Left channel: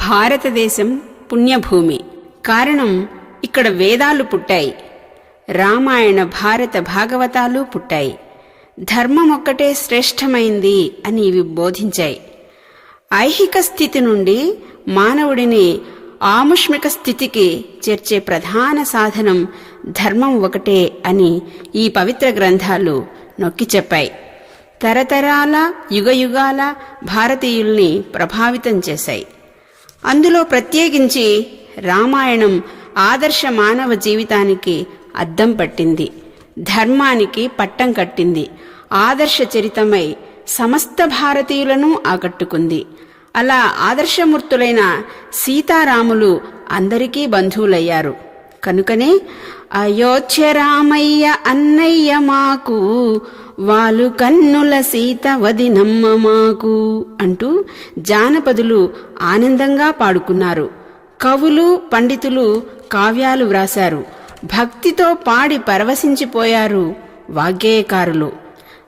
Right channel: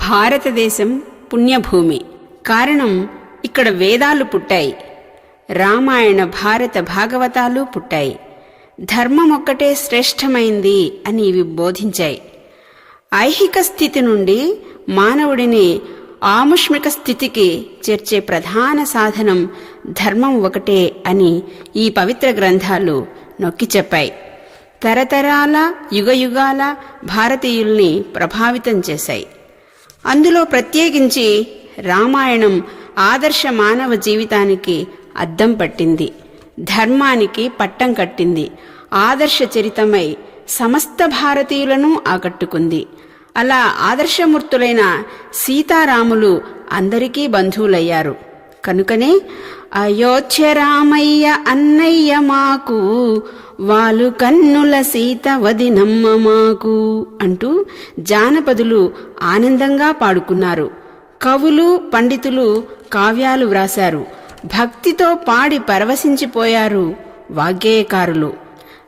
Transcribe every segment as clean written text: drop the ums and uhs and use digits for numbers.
భారతదేశం పుణ్యభూమి. కారణం, ఇక్కడ వేదాలు పుట్టాయి, రామాయణ భారత భాగవతాలు పుట్టాయి. ధర్మం ఒక్కటే శ్రేష్టమైంది అని ఇవి బోధించాయి. ఐహిక స్థితి నుండి మానవుడిని ఆముష్మిక స్థితికి చేర్చే ప్రధాన సాధనం ధర్మం ఒకటే అని ఈ పవిత్ర గ్రంథాలు నొక్కి చెప్పాయి. తరతరాల యుగయుగాల భారతీయుల్ని ప్రభావితం చేశాయి. అందులో ప్రత్యేకించి రామాయణం ఆదర్శ మానవ జీవితానికి అద్దం పట్టింది, ధర్మానికి పట్టం కట్టింది, ఆదర్శ చరితమై సమస్త భారతీయులను ఆకట్టుకుంది. అలా ఆదర్శమూర్తులైన సీతారాములు అందరికీ బంధువులయ్యారు. కనుకనే అయోధ్య రామయ్య అన్నయ్య మాకు, వాలు కన్నుల సీత వదినమ్మ మాకు అంటూ జానపదులు ఆనందంగా పాడుకున్నారు. కవులు పండితులు కావ్యాలు వ్రాశారు. భక్తితో పాడి పరవశించిపోయారు వాగ్గేయకారులు.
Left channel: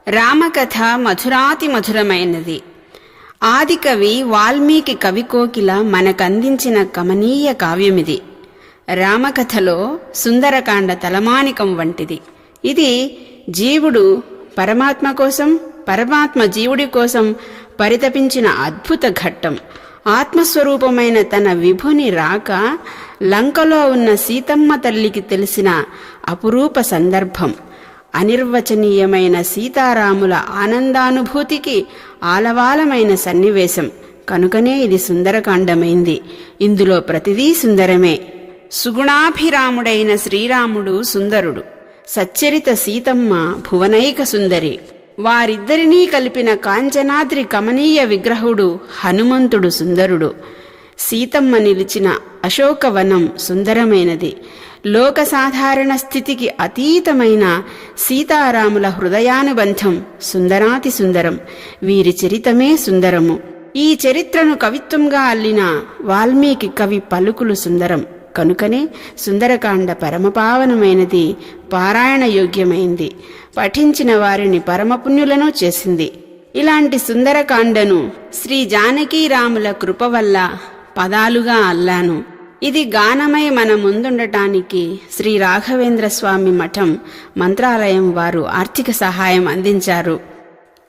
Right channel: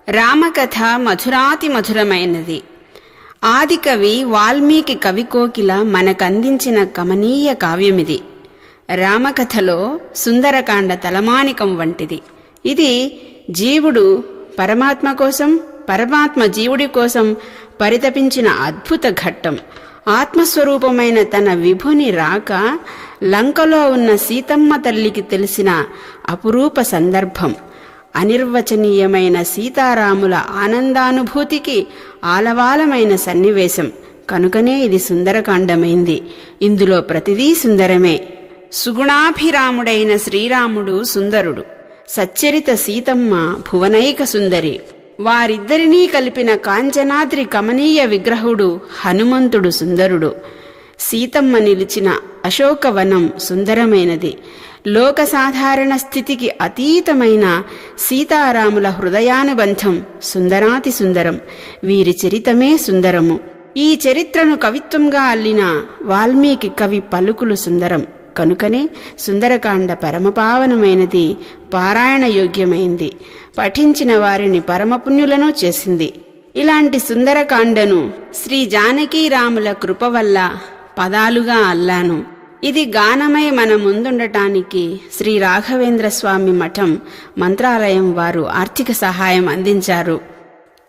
రామకథ మధురాతి మధురమైనది. ఆదికవి వాల్మీకి కవికోకిల మనకందించిన కమనీయ కావ్యమిది. రామకథలో సుందరకాండ తలమానికం వంటిది. ఇది జీవుడు పరమాత్మ కోసం, పరమాత్మ జీవుడి కోసం పరితపించిన అద్భుత ఘట్టం. ఆత్మస్వరూపమైన తన విభుని రాక లంకలో ఉన్న సీతమ్మ తల్లికి తెలిసిన అపురూప సందర్భం. అనిర్వచనీయమైన సీతారాముల ఆనందానుభూతికి ఆలవాలమైన సన్నివేశం. కనుకనే ఇది సుందరకాండమైంది. ఇందులో ప్రతిదీ సుందరమే. సుగుణాభిరాముడైన శ్రీరాముడు సుందరుడు, సచ్చరిత సీతమ్మ భువనైక సుందరి. వారిద్దరినీ కలిపిన కాంచనాద్రి కమనీయ విగ్రహుడు హనుమంతుడు సుందరుడు. సీతమ్మ నిలిచిన అశోకవనం సుందరమైనది. లోక సాధారణ స్థితికి అతీతమైన సీతారాముల హృదయానుబంధం సుందరాతి సుందరం. వీరి చరితమే సుందరము. ఈ చరిత్రను కవిత్వంగా అల్లిన వాల్మీకి కవి పలుకులు సుందరం. కనుకనే సుందరకాండ పరమపావనమైనది, పారాయణ యోగ్యమైంది, పఠించిన వారిని పరమపుణ్యులను చేసింది. ఇలాంటి సుందరకాండను శ్రీ జానకీరాముల కృప వల్ల పదాలుగా అల్లాను. ఇది గానమై మన ముందుండటానికి శ్రీ రాఘవేంద్ర స్వామి మఠం మంత్రాలయం వారు ఆర్థిక సహాయం అందించారు.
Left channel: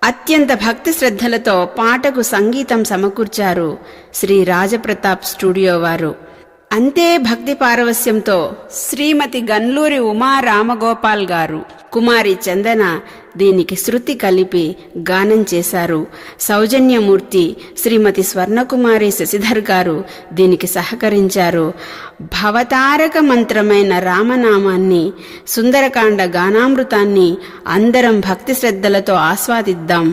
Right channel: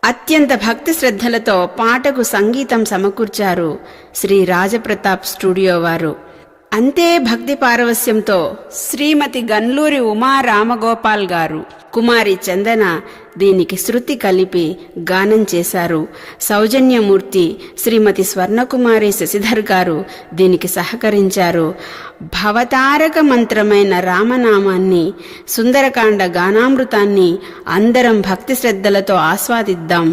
అత్యంత భక్తి శ్రద్ధలతో పాటకు సంగీతం సమకూర్చారు శ్రీ రాజప్రతాప్ స్టూడియో వారు. అంతే భక్తి పారవస్యంతో శ్రీమతి గన్లూరి ఉమా రామగోపాల్ గారు, కుమారి చందన దీనికి శృతి కలిపి గానం చేశారు. సౌజన్యమూర్తి శ్రీమతి స్వర్ణకుమారి శశిధర్ గారు దీనికి సహకరించారు. భవతారక మంత్రమైన రామనామాన్ని, సుందరకాండ గానామృతాన్ని అందరం భక్తి శ్రద్ధలతో ఆస్వాదిద్దాం,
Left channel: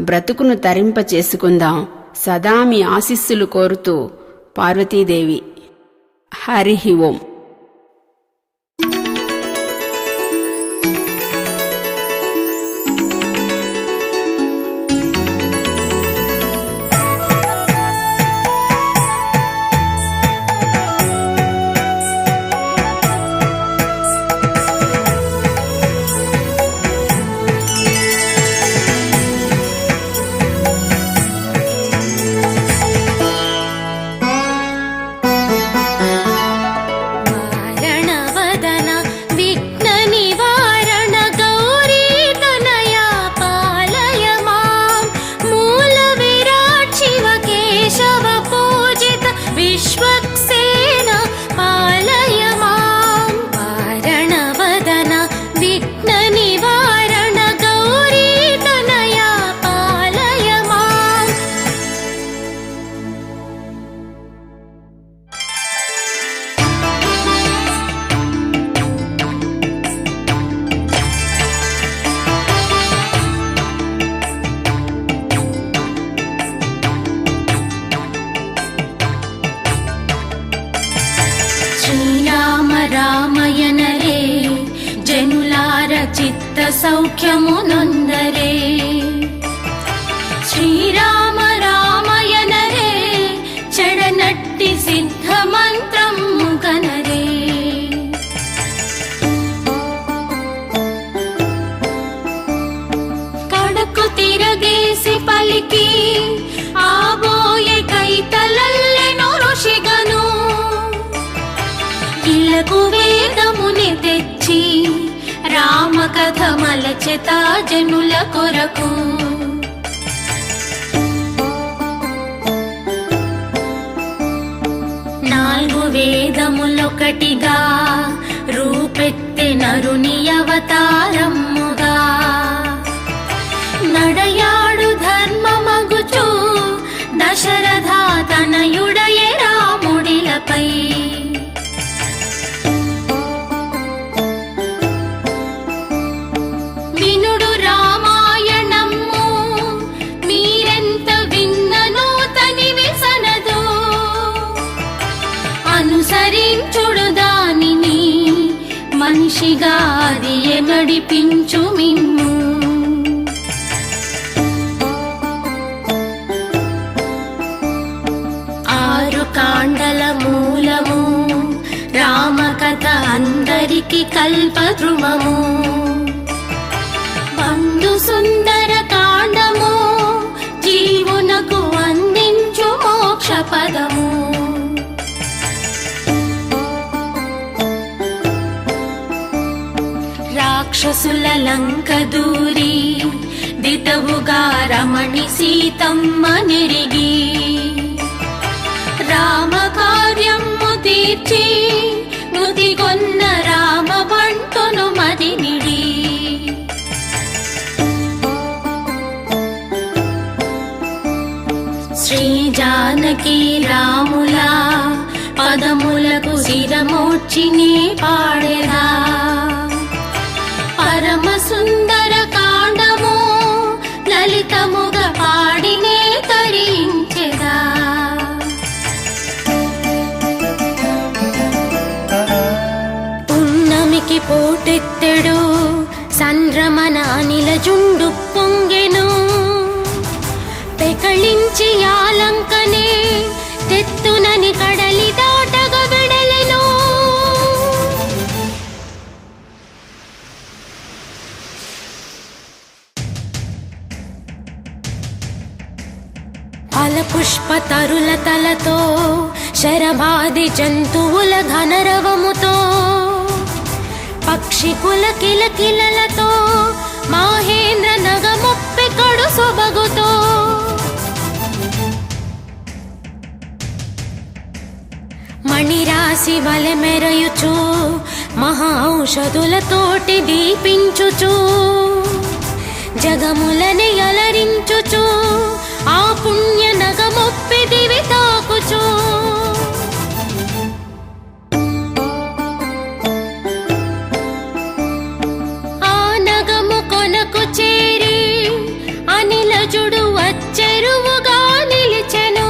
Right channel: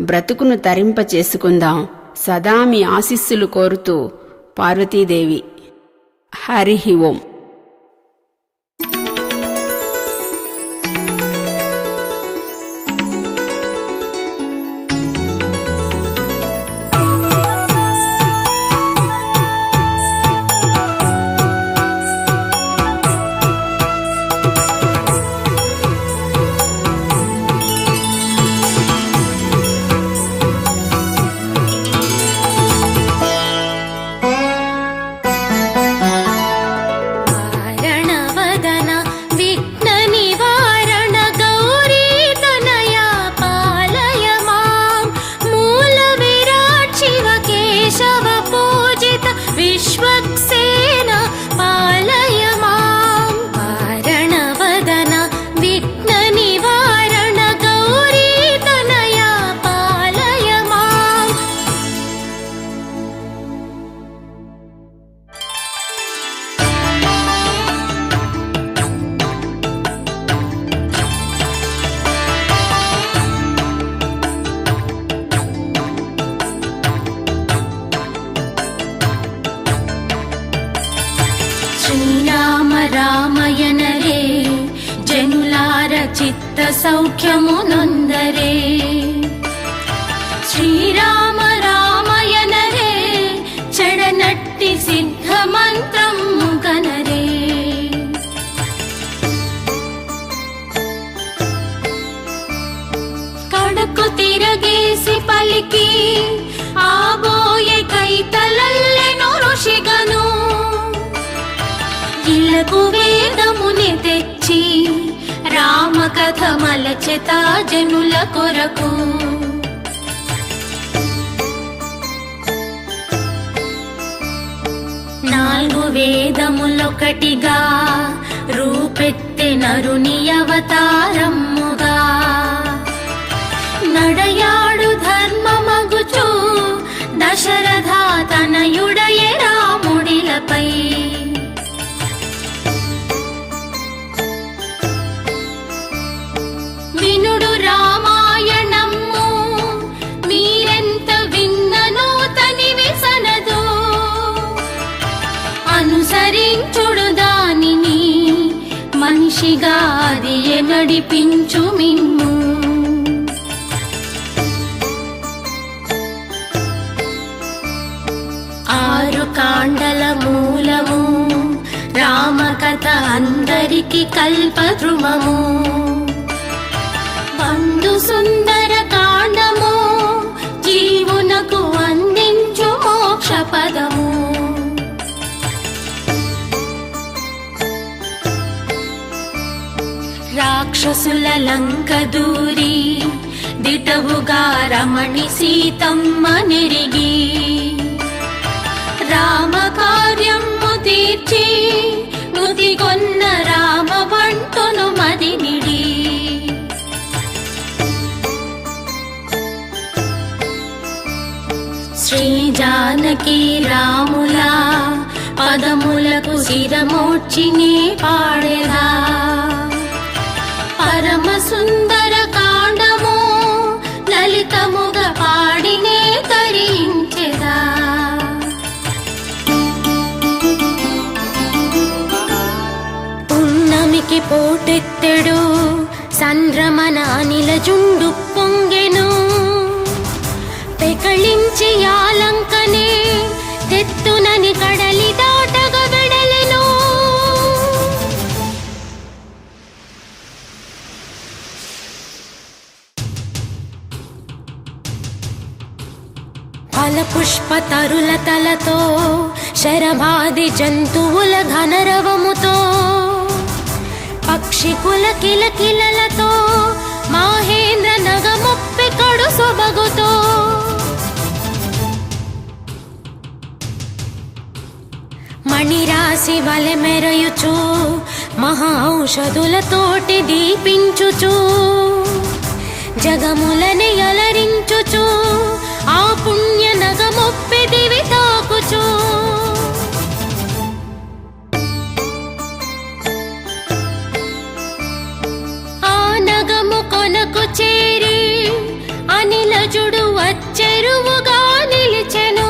బ్రతుకును తరింప చేసుకుందాం. సదా మీ ఆశీస్సులు కోరుతూ పార్వతీదేవి. హరి ఓం. శ్రీరామ రామయనరే జనులార చిత్త సౌఖ్యమునందరే. శ్రీరామ రామయనరే చెడనట్టి సిద్ధ మంత్రము గనరే. కడకు తిరగేసి పలికి ఆబోయే కైతలల్లి నొరు బాధ్యత జనుల కొరకు. నాలుగు వేదములొకటిగా రూపెత్తె నరుని అవతారమ్ముగా. నడయాడు ధర్మమగుచు దశరథ తనయుడయే రాముడిలపై. వినుడు రామాయణము మీరెంత విన్నను తనివి సనదు. అనుసరించుడు దానిని మనిషిగా అది నడిపించు మిమ్ము. ఆరు కాండల మూలము రామకథ అందరికి కల్పద్రుమము. బంధు సుందర కాండము జీవునకు అందించు మోక్ష పదము. రాక్షసుల లంక దూరి దిటవుగా రమణి సీతమ్మ నెరిగి. రామ కార్యము తీర్చి నుదిగొన్న రామ బంటును మదినిడి. శ్రీ జానకి రాముల పదములకు శిరమోర్చిని పాడెదా. పరమ సుందర కాండము లలితముగా పాడినే తరించెదా. పున్నమికి పోటెత్తెడు సంద్రమన అనిల జుండు పొంగెను. పెకళించి ఆలంకనే తెత్తునని కడలి దాటగ వెడలెను. ఫల పుష్ప తరుల తలతో శరభాది జంతువుల ఘనరవముతో పక్షికుల కిలకిలలతో మాహేంద్ర నగముప్పి కడు సుబగుతో మణిరాశి వలె మెరయుచు మహా ఔషధులతోటి దీపించుచు జగములని అలరించుచు ఆ పుణ్య నగముప్పి దివి తాకుచు. ఆ నగము కొనకు చేరి అనిలజుడు వచ్చెరువుగా నిలిచెను.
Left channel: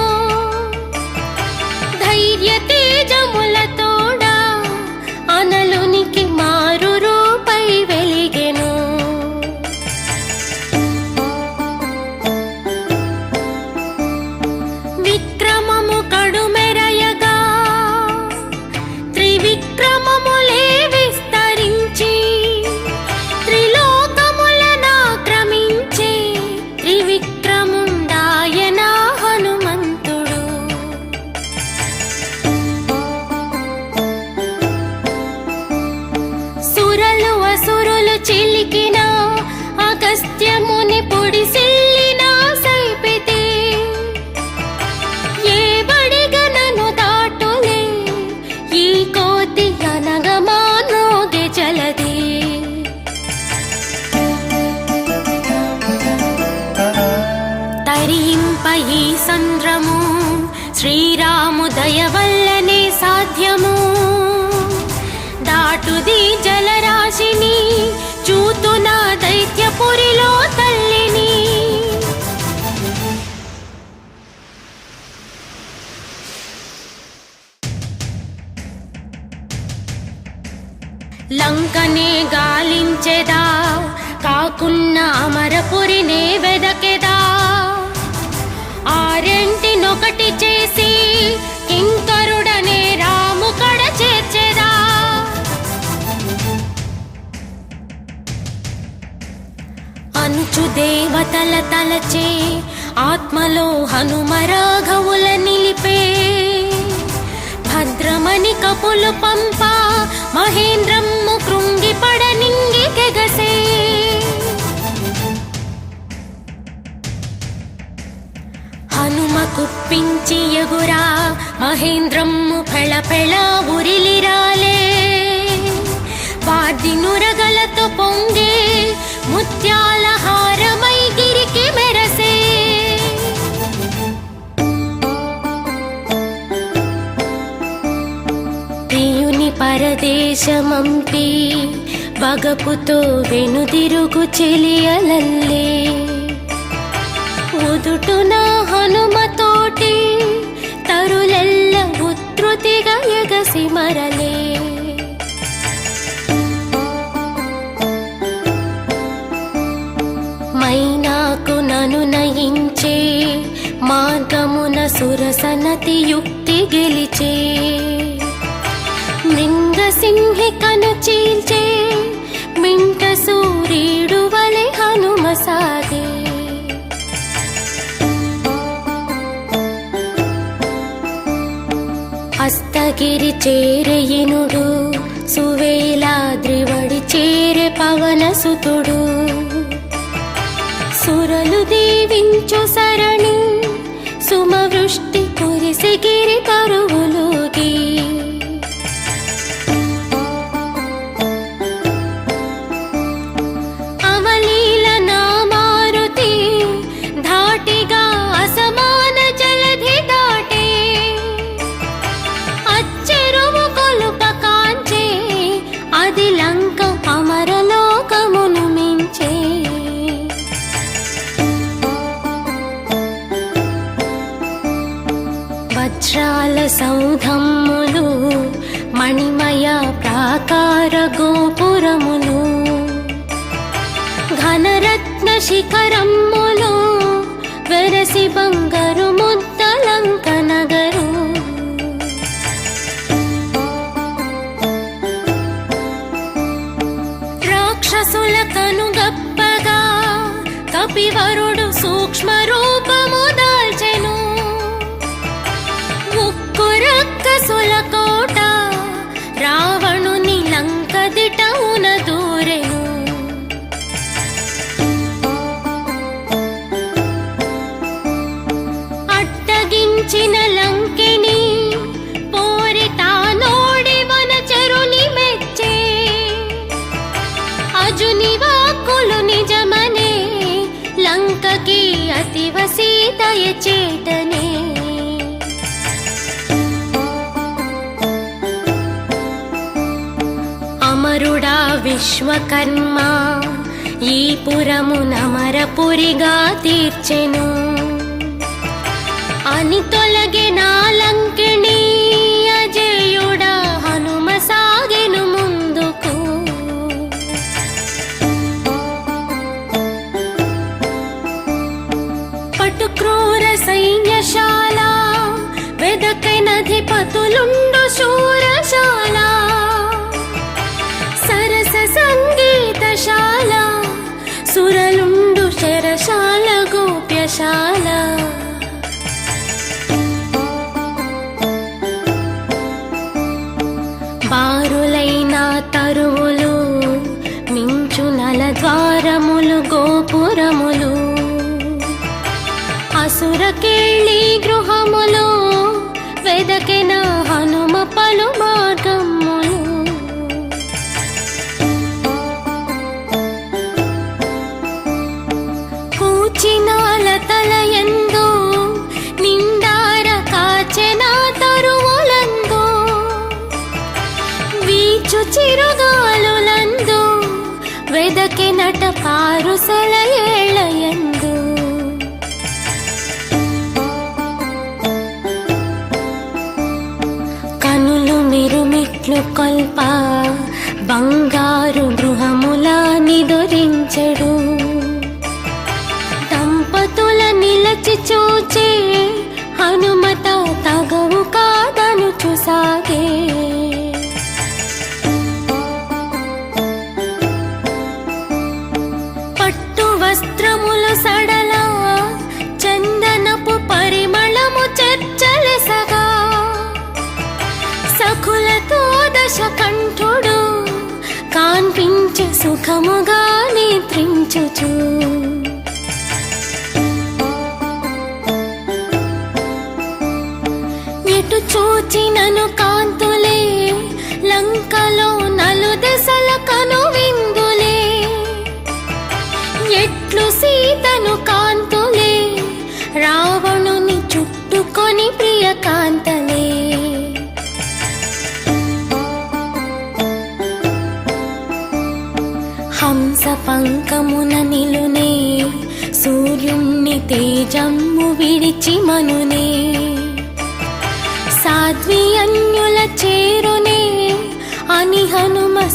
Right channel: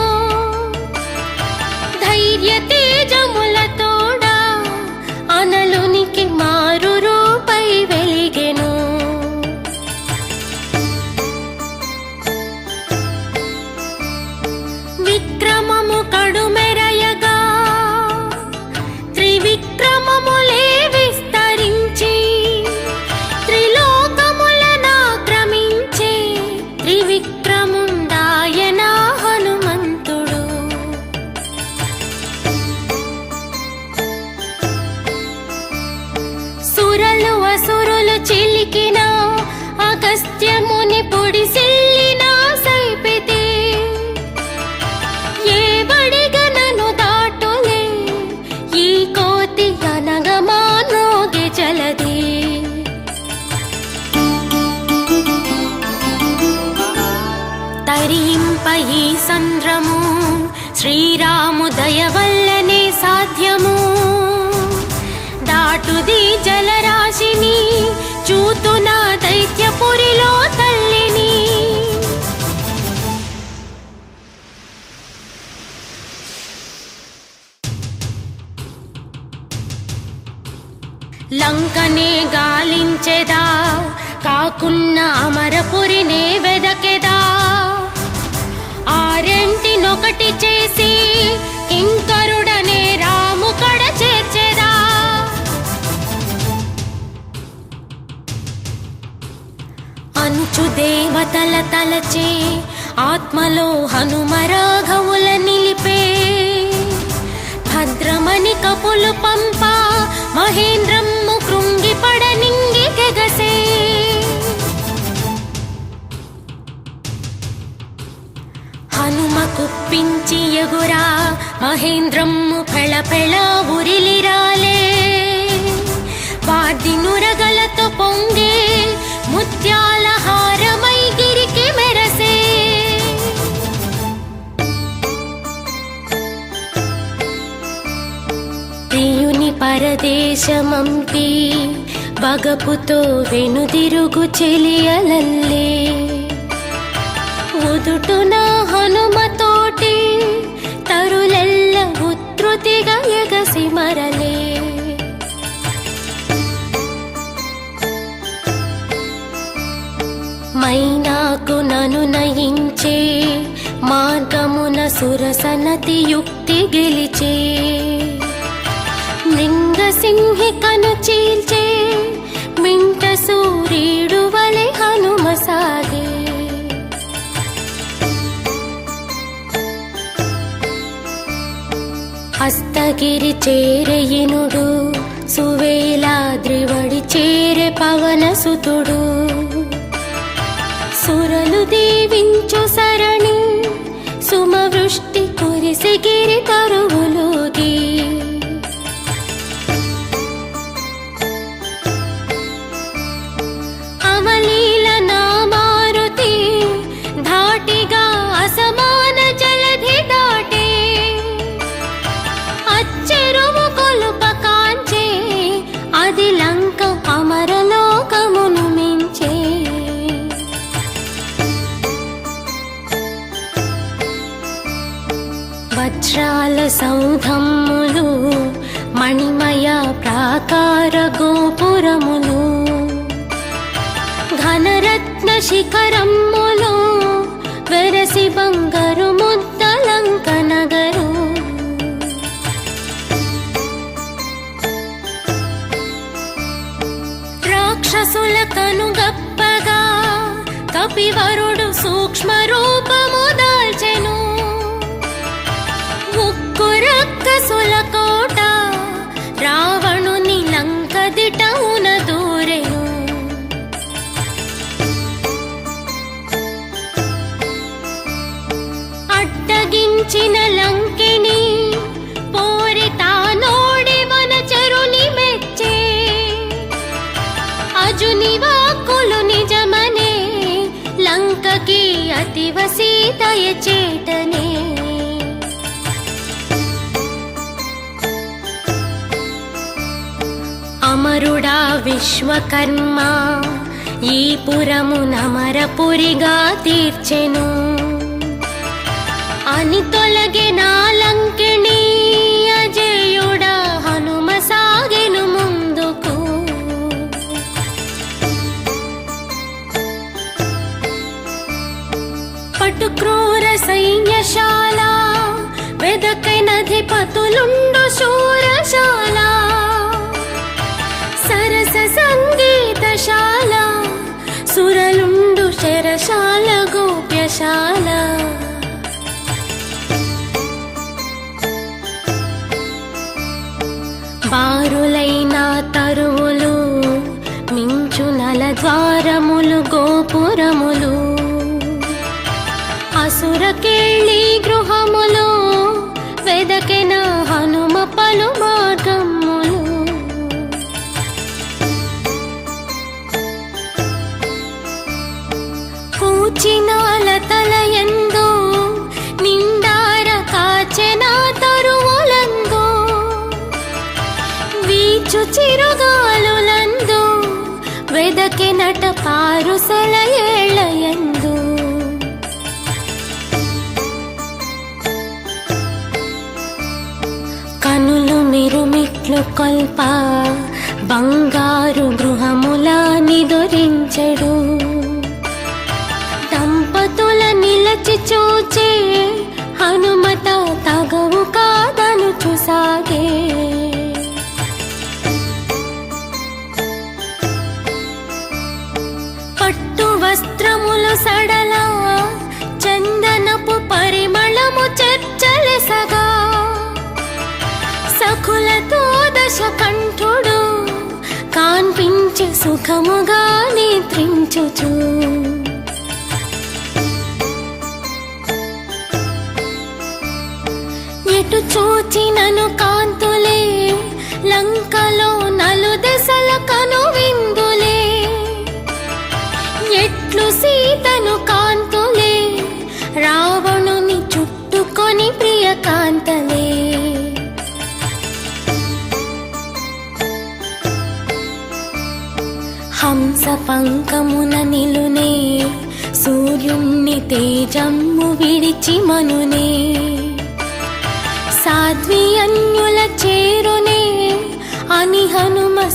ధైర్య తేజముల తోడా అనలునికి మారు రూపై వెలిగెను. విక్రమము కడుమెరయగా త్రివిక్రమములే విస్తరించి త్రిలోకములనాక్రమించి త్రివిక్రముండాయన హనుమంతుడు. సురలు అసురులు చిలికిన అగస్త్యముని పొడిసిల్లిన సైపితే ఏ బడిగనను దాటులే ఈ కోతి అనగమానోగే జలది. తరింప ఈ సంద్రము శ్రీరాము దయవల్లనే సాధ్యము. దాటుది జలరాశిని చూతున దైత్యపురిలో తల్లిని. లంకనే గాలించెదా కాకున్న అమరపురినే వెదకెదా. ఆరెంటినొకటి చేసి కింకరుడనే రాము కడ చేర్చెదా. అనుచు దేవతల తలచే ఆత్మలో హనుమరాఘవుల నిలిపే. భద్రమణి కపులు పంప మహేంద్రమ్ము కృంగిపడ నింగి గెగసే. కుప్పించి ఎగురా మహేంద్రమ్ము ఫళఫళ ఉరిలిరాలే వాద్ది నురగలతో పొంగే ముత్యాల హారమై గిరికి మెరసే ప్రియుని పరదేశమంపి వగపుతో వెనుదిరుగు చెలియలల్లే ఉదుటున హనుమతోటి తరులెల్ల ఉత్ృతిగా ఎగసి మరలే మైనాకు నను నయించే మార్గమున సురసనతి యుక్తి గెలిచే లింగసింహికను చీల్చే మింట సూర్యుడు వలె హనుమ సాగే హస్తగిరి చేరయినుడు సువేలాద్రివడి చేరే పవన సుతుడు సురలు దేవించు సరణి సుమవృష్టి కురిసి గిరి తరువులుగి అమలీల నామారుతి ధాటిగా అసమాన జలధి దాటే అచ్చెరువు కొలుప కాంచే అది లంక అమరలోకమును మించే వజ్రాల సౌధమ్ములు మణిమయ ప్రాకార గోపురములు ఘనరత్న శిఖరమ్ములు వెరసి బంగారు ముద్దలంక నగరు రాక్షసుల కనుగప్పగా కపివరుడు సూక్ష్మ రూపము దాల్చెను ముక్కురక్కసుల కోట రావణుని లంక దిటమున దూరెను అడ్డగించిన లంకిని పోరి తానోడి వనచరుని మెచ్చే అజుని వాక్కులు నిజమనే లంకకి అతివ సీతయ చేతనే అమరుడా విశ్వకర్మ ఈ పురమునమరపురిగా తీర్చెను అని తొలగి నాలంకిని అజయుడా హనుమ సాగెను ముందుకు పటు క్రూర సైన్యశాల వెదకైనధిపతులుండు శూరశాల సరస సంగీతశాల సురలుండు శరశాల గోప్యశాల బారులైన తరువులు మించు నలద్వారములు గోపురములు అసురకేళి గృహములు వెదకిన హనుమ పలు మార్గములు కూచినాల తలయందు నిండార కాచెన తరువులందు వీచు చిరగాలులందు వెదకినట పారుసల ఏళ్ళయందు కనులు మిరుమిట్లు కొల్ప బంగారు గృహముల నిదురించెడు దంపతుల నిలచి చూచే హనుమత తగవు కాదను చూసాగే పట్టు వస్త్రములు సడల చందనపు పరిమళము చర్చలెసగా సఖులతో దశకంఠుడు కాన్పించి సుఖముగా నిద్రించుచు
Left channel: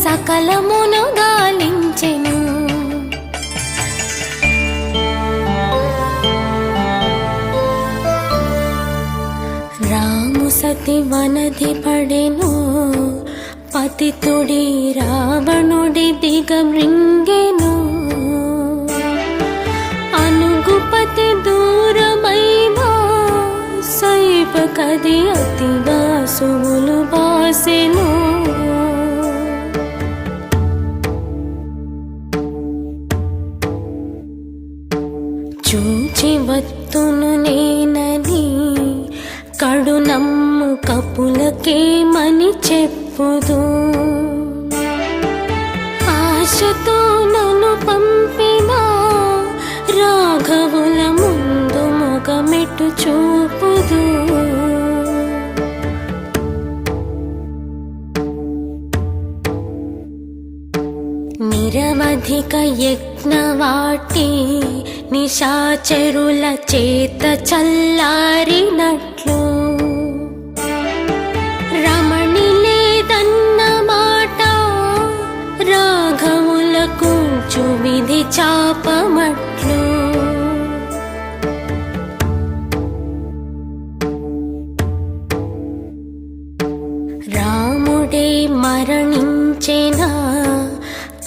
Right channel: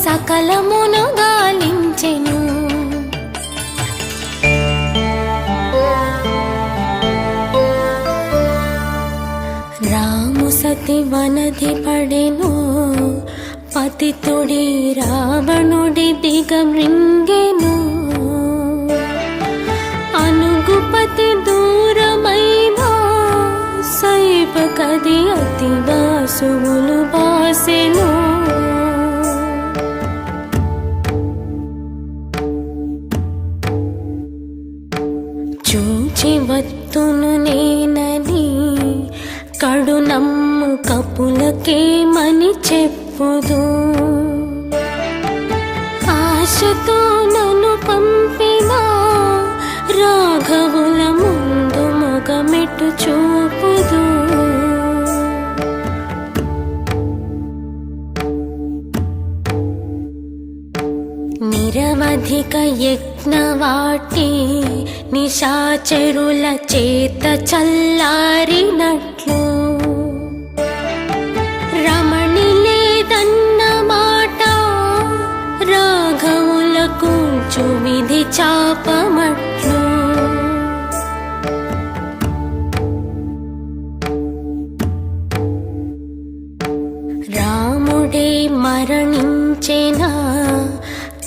సకలమును గాలించెను. రాము సతి వనది పడెను, పతితుడి రావణుడి దిగమృంగెను. అనుగుపతి దూరమైన సైపకది అతి వాసువులు వాసెను. చూచి వత్తును నేనని కడునమ్ము కపులకేమని చెప్పుదు. ఆశతో నన్ను పంపిన రాఘవుల ముందు మొగమెట్టు చూపుదు. నిరవధిక యజ్ఞవాటి నిశాచరుల చేత చల్లారినట్లు రమణి లేదన్న మాట రాఘవుల కూర్చు విధి చాపమట్లు. రాముడే మరణించెనా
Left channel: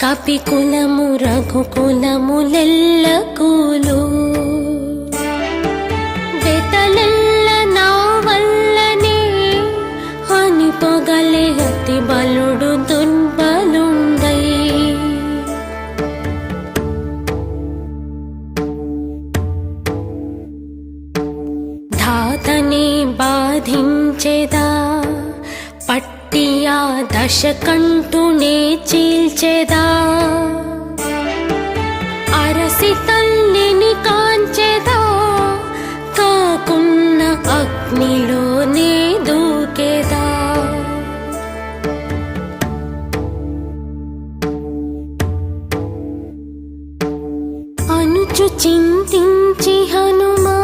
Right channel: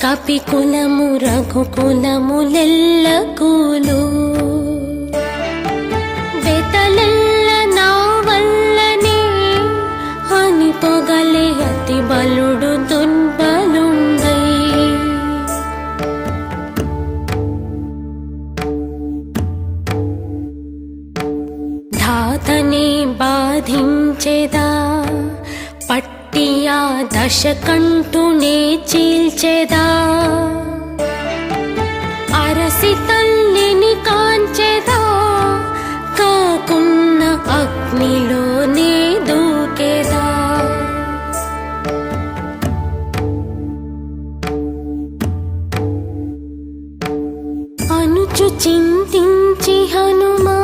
కపికులము రఘుకులములెల్లకులు. బెతలెల్ల నా వల్లనే అని పొగలే అతి బలుడు దుర్బలుందై. ధాతనే బాధించెదా పట్టియా దశకంఠునే చీల్చెదా. అరసి తల్లిని కాంచెదా కాకున్న అగ్నిలోనే దూకెదా. అనుచు చింతించి హనుమా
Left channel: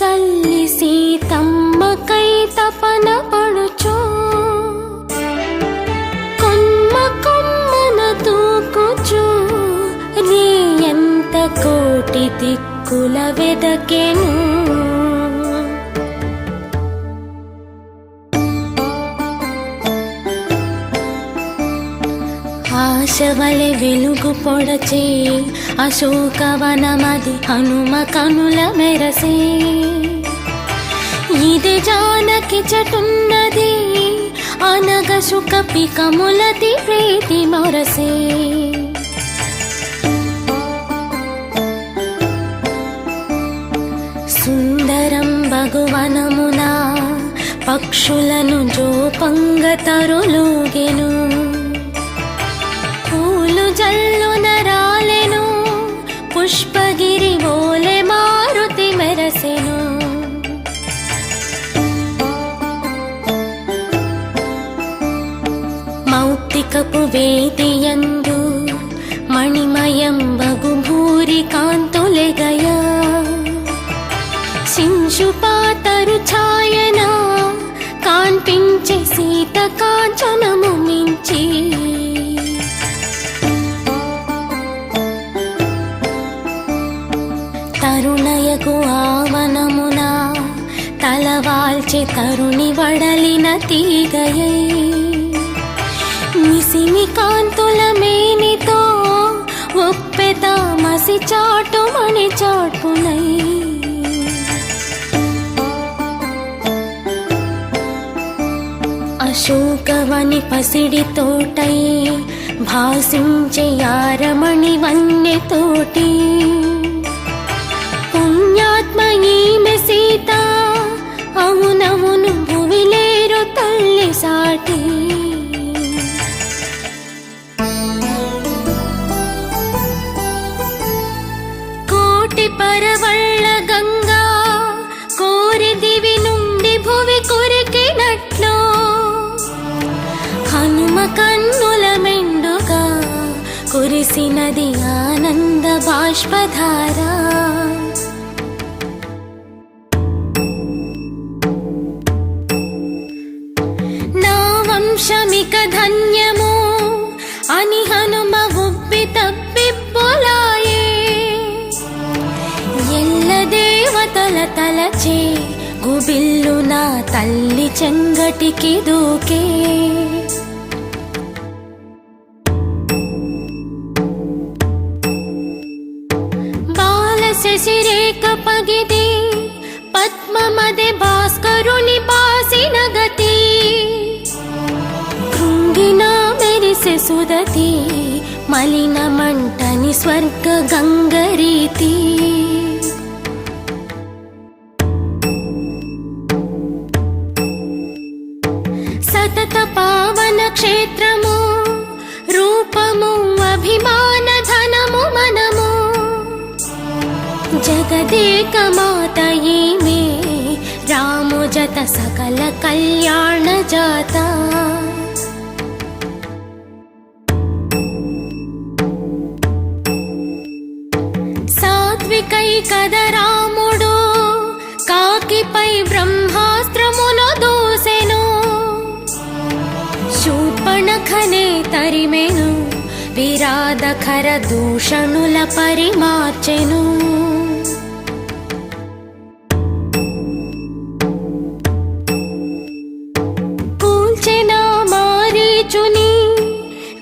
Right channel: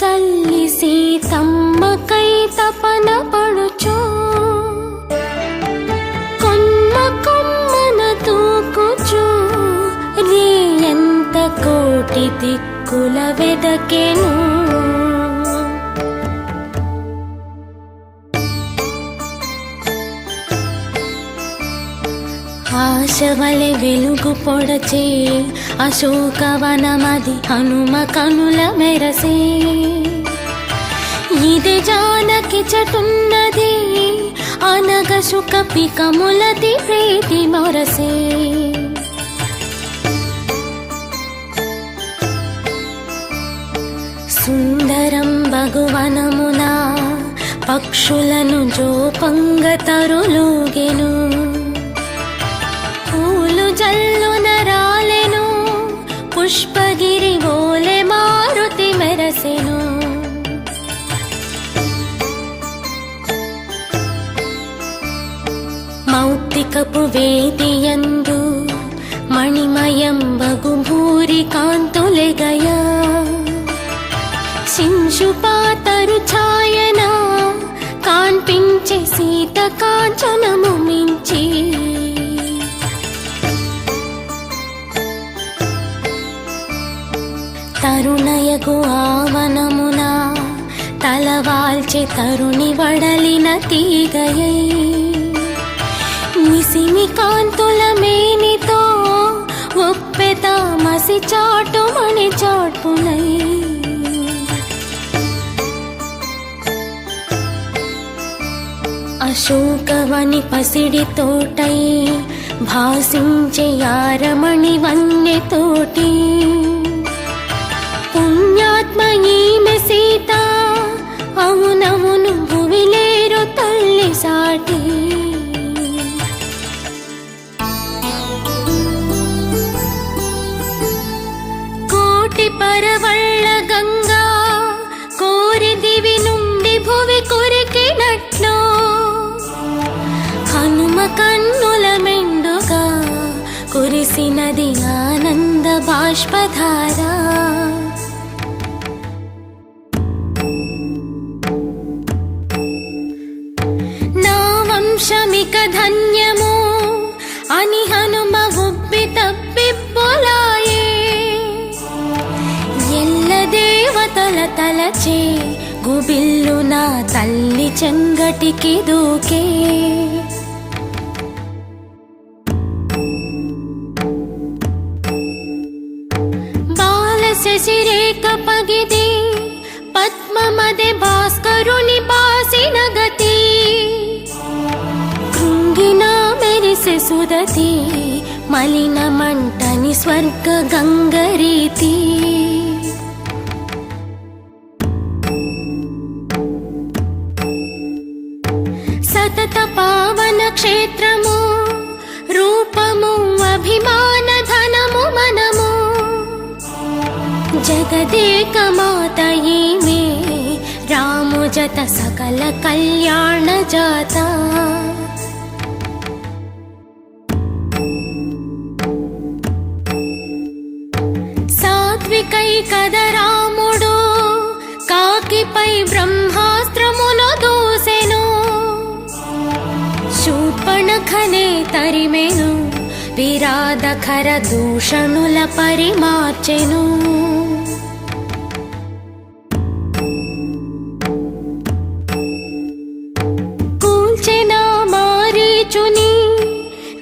తల్లి సీతమ్మకై తపన పడుచు. కొమ్మ కొమ్మన తూకుచు నీ ఎంత కోటి దిక్కుల వెదకెను. ఆశవలె వెలుగు పొడచే అశోకవనమది హనుమ కనుల మెరసే. ఇదే జానకి చటున్నది అనగ సుఖపికములది ప్రీతి మొరసే. సుందరం భగువనమున పక్షులను జోపంగ తరులోగెను. పూలు జల్లున రాలెను పుష్పగిరి ఓలె మారుతి మెరసెను. మౌక్తికపు వేదియందు మణిమయం బగు భూరి కాంతులెగయా. శింశుపాతరు ఛాయన కాంపించి సీత కాంచనము మించి. తరుణయగు ఆవనమున తలవాల్చి తరుణి వడలిన తీగయే. నిసిని కాంతుల మేనితో ఒప్పెత మసి చాటుమని చాటునై. అశోకవని పసిడి తోటై భాసించే యారమణి వన్య తోటి. పుణ్యాత్మ ఈమె సీత అవునవును భువిలేరు తల్లి సాటి. కోటి పరవళ్ళ గంగా కోరి దివి నుండి భువి కొరికినట్లు హనుమ కన్నుల మెండుగా కురిసినది ఆనంద బాష్పధార. నా వంశమిక ధన్యము తలచే గుబిల్లు నా తల్లి చెంగటికి దూకే బాల శిశిరేక పగిదే పద్మమదే భాస్కరుని పాసిన గతి కృంగినా మెరిసె సుదతి మలిన మంటని స్వర్గ గంగరీతి సతత పావన క్షేత్రము రూపము అభిమాన ధనము మనము జగదేక మాత ఈమె రాము జత సకల కళ్యాణ జాత సాత్వికై కద రాముడు కాకిపై బ్రహ్మాస్త్రమును దూసెను శూర్పణఖనే తరిమెను విరాధకర దూషణుల పరిమార్చెను కూల్చెనా మారీచుని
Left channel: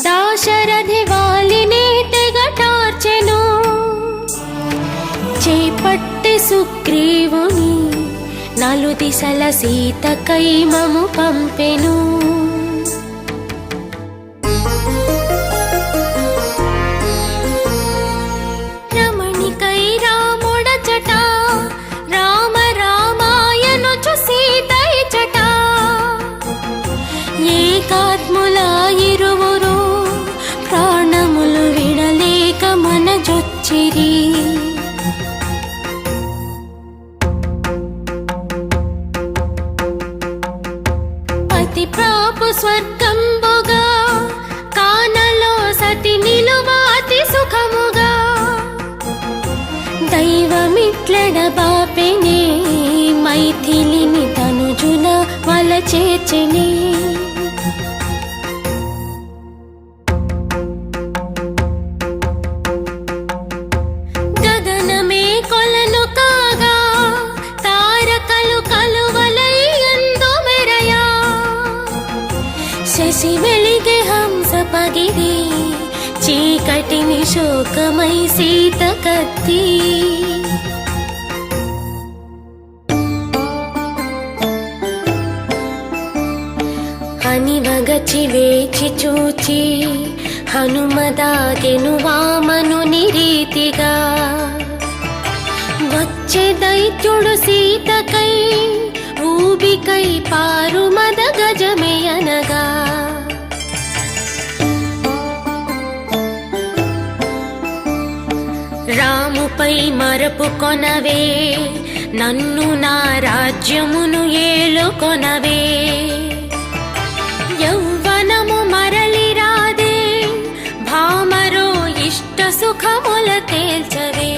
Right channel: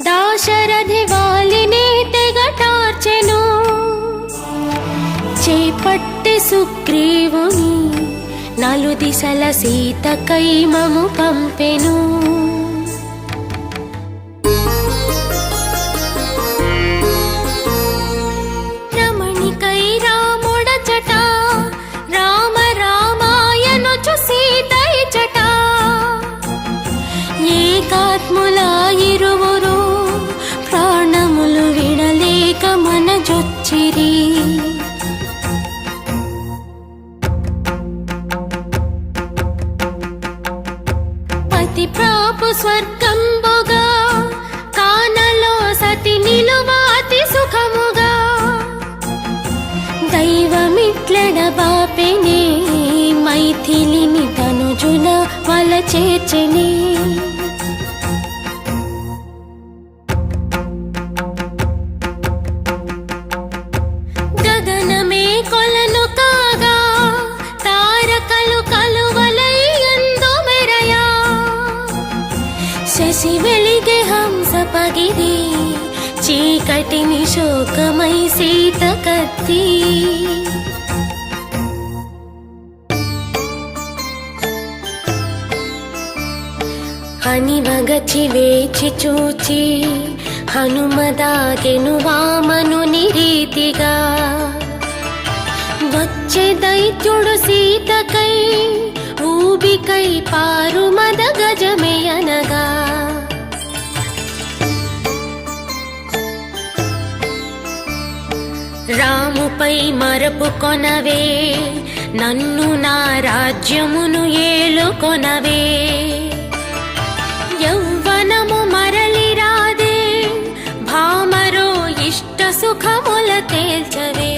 దాశరథి వాలిని తెగటార్చెను చేపట్టె సుగ్రీవుని నలుదిశల సీత కైమము పంపెను రమణికై రాముడచట రామ రామాయణుచు సీతైచట ఏకాత్ముల ఇరువురు ప్రాణములు విడలేక మనజొచ్చిరి పతి ప్రాపు స్వర్గంబుగా కాదలో సతి నిలువ అతి సుఖముగా దైవమిట్లడ బాపిని మైథిలిని తనుజున వలచేచిని గగనమే కొలదు కాగా తారకలు కలువలై ఎందు మెరయా శశి వెలిగి హంస పగిది చీకటిని శోకమై సీత కత్తి హనివగచి వేచి చూచి హనుమదాగెను వామనుని రీతిగా వచ్చే దైత్యుడు సీతకై ఊబికై పారుమద గజమే అనగా రాముపై మరపు కొనవే నన్ను నా రాజ్యమును ఏలుకొనవే యౌవనము మరలి రాదే భామరో ఇష్ట సుఖముల తేల్చరే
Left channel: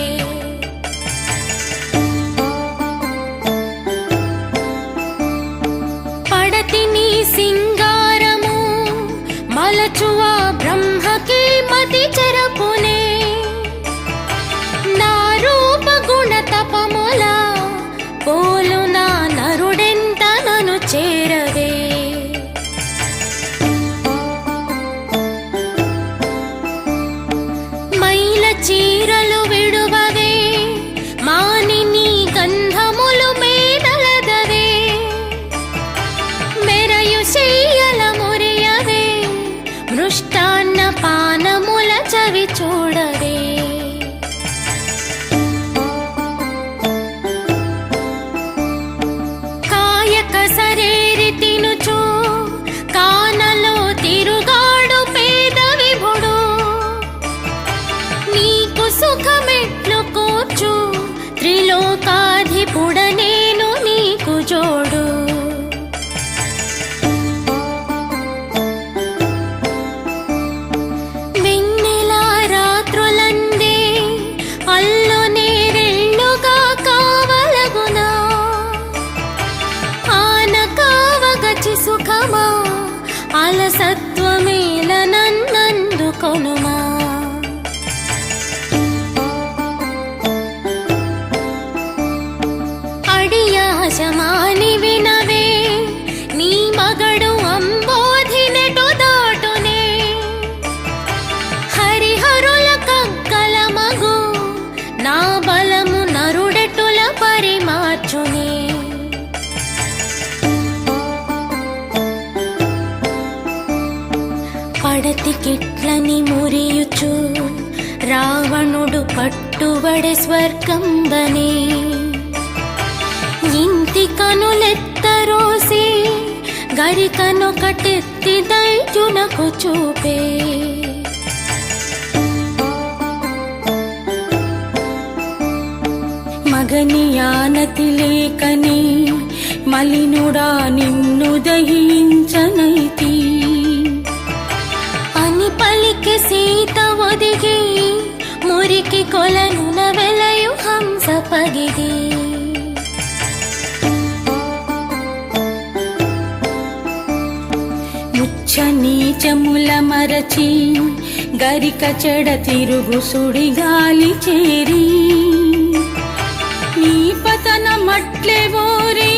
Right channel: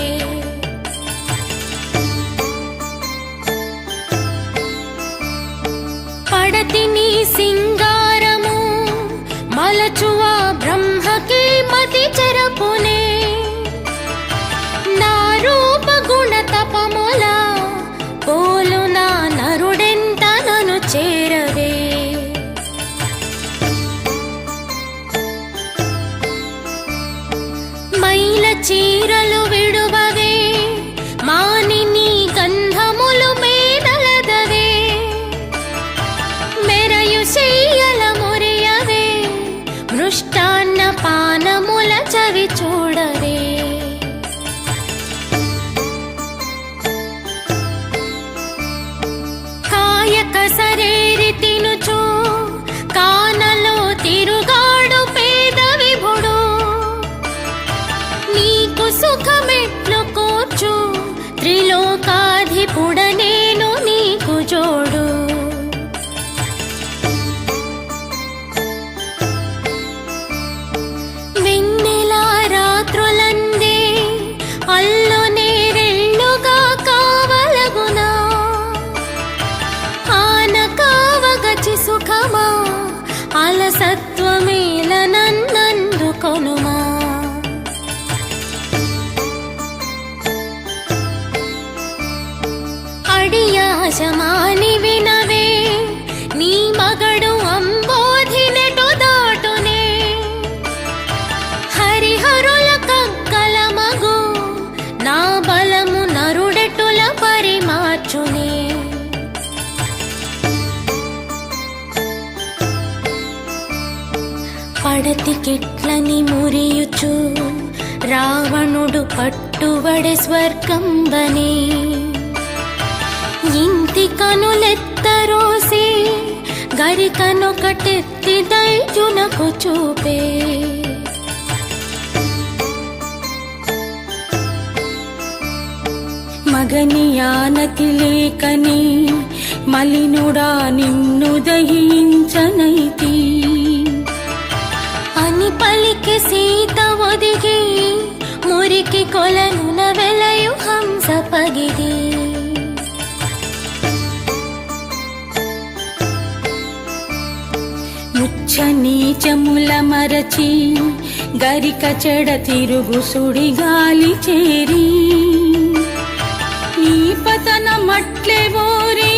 పడతిని సింగారము మలచువా బ్రహ్మకి మతి చెరపునే నా రూప గుణ తపముల పోలు నా నరుడెంత నను చేరదే మైల చీరలు విడువవే మానిని గంధములు మేనలదవే మెరయు శయ్యల మురియవే మృష్టాన్న పానముల చవి చూడవే కాయక సరేరి తినుచు కానలో తిరుగాడు పేద విభుడు నీకు సుఖమెట్లు కూర్చు త్రిలోకాధిపుడ నేను నీకు జోడు వెన్నెల రాత్రులందే అల్లునే రెండుగా కావలగునా ఆన కావగచి సుఖమా అలసత్వమేల నన్నందుకొనుమా వశమాని వినవే నీ మగడు అంబోధినిటు దాటునే హరిహరుల కంకల మగు నా బలము నరుడెటుల పరిమార్చునే పడతికిట్లని మురియుచు రావణుడు పట్టుబడే స్వర్గంబనే ఇంటి కనులెత్తరోసే గరికను కటెత్తి దైత్యునకు చూపే మగని ఆనతి లేకనే మలినుడా నిన్ను దయించనైతి అని పలికి సీత ఒదిగి మురికి కొలనుల వెలయు హంస పగిది ముచ్చ నీచముల మరచి గరిక చెడ తిరుగు సుడి గాలి చేరి నీ పతన మట్లే మోరి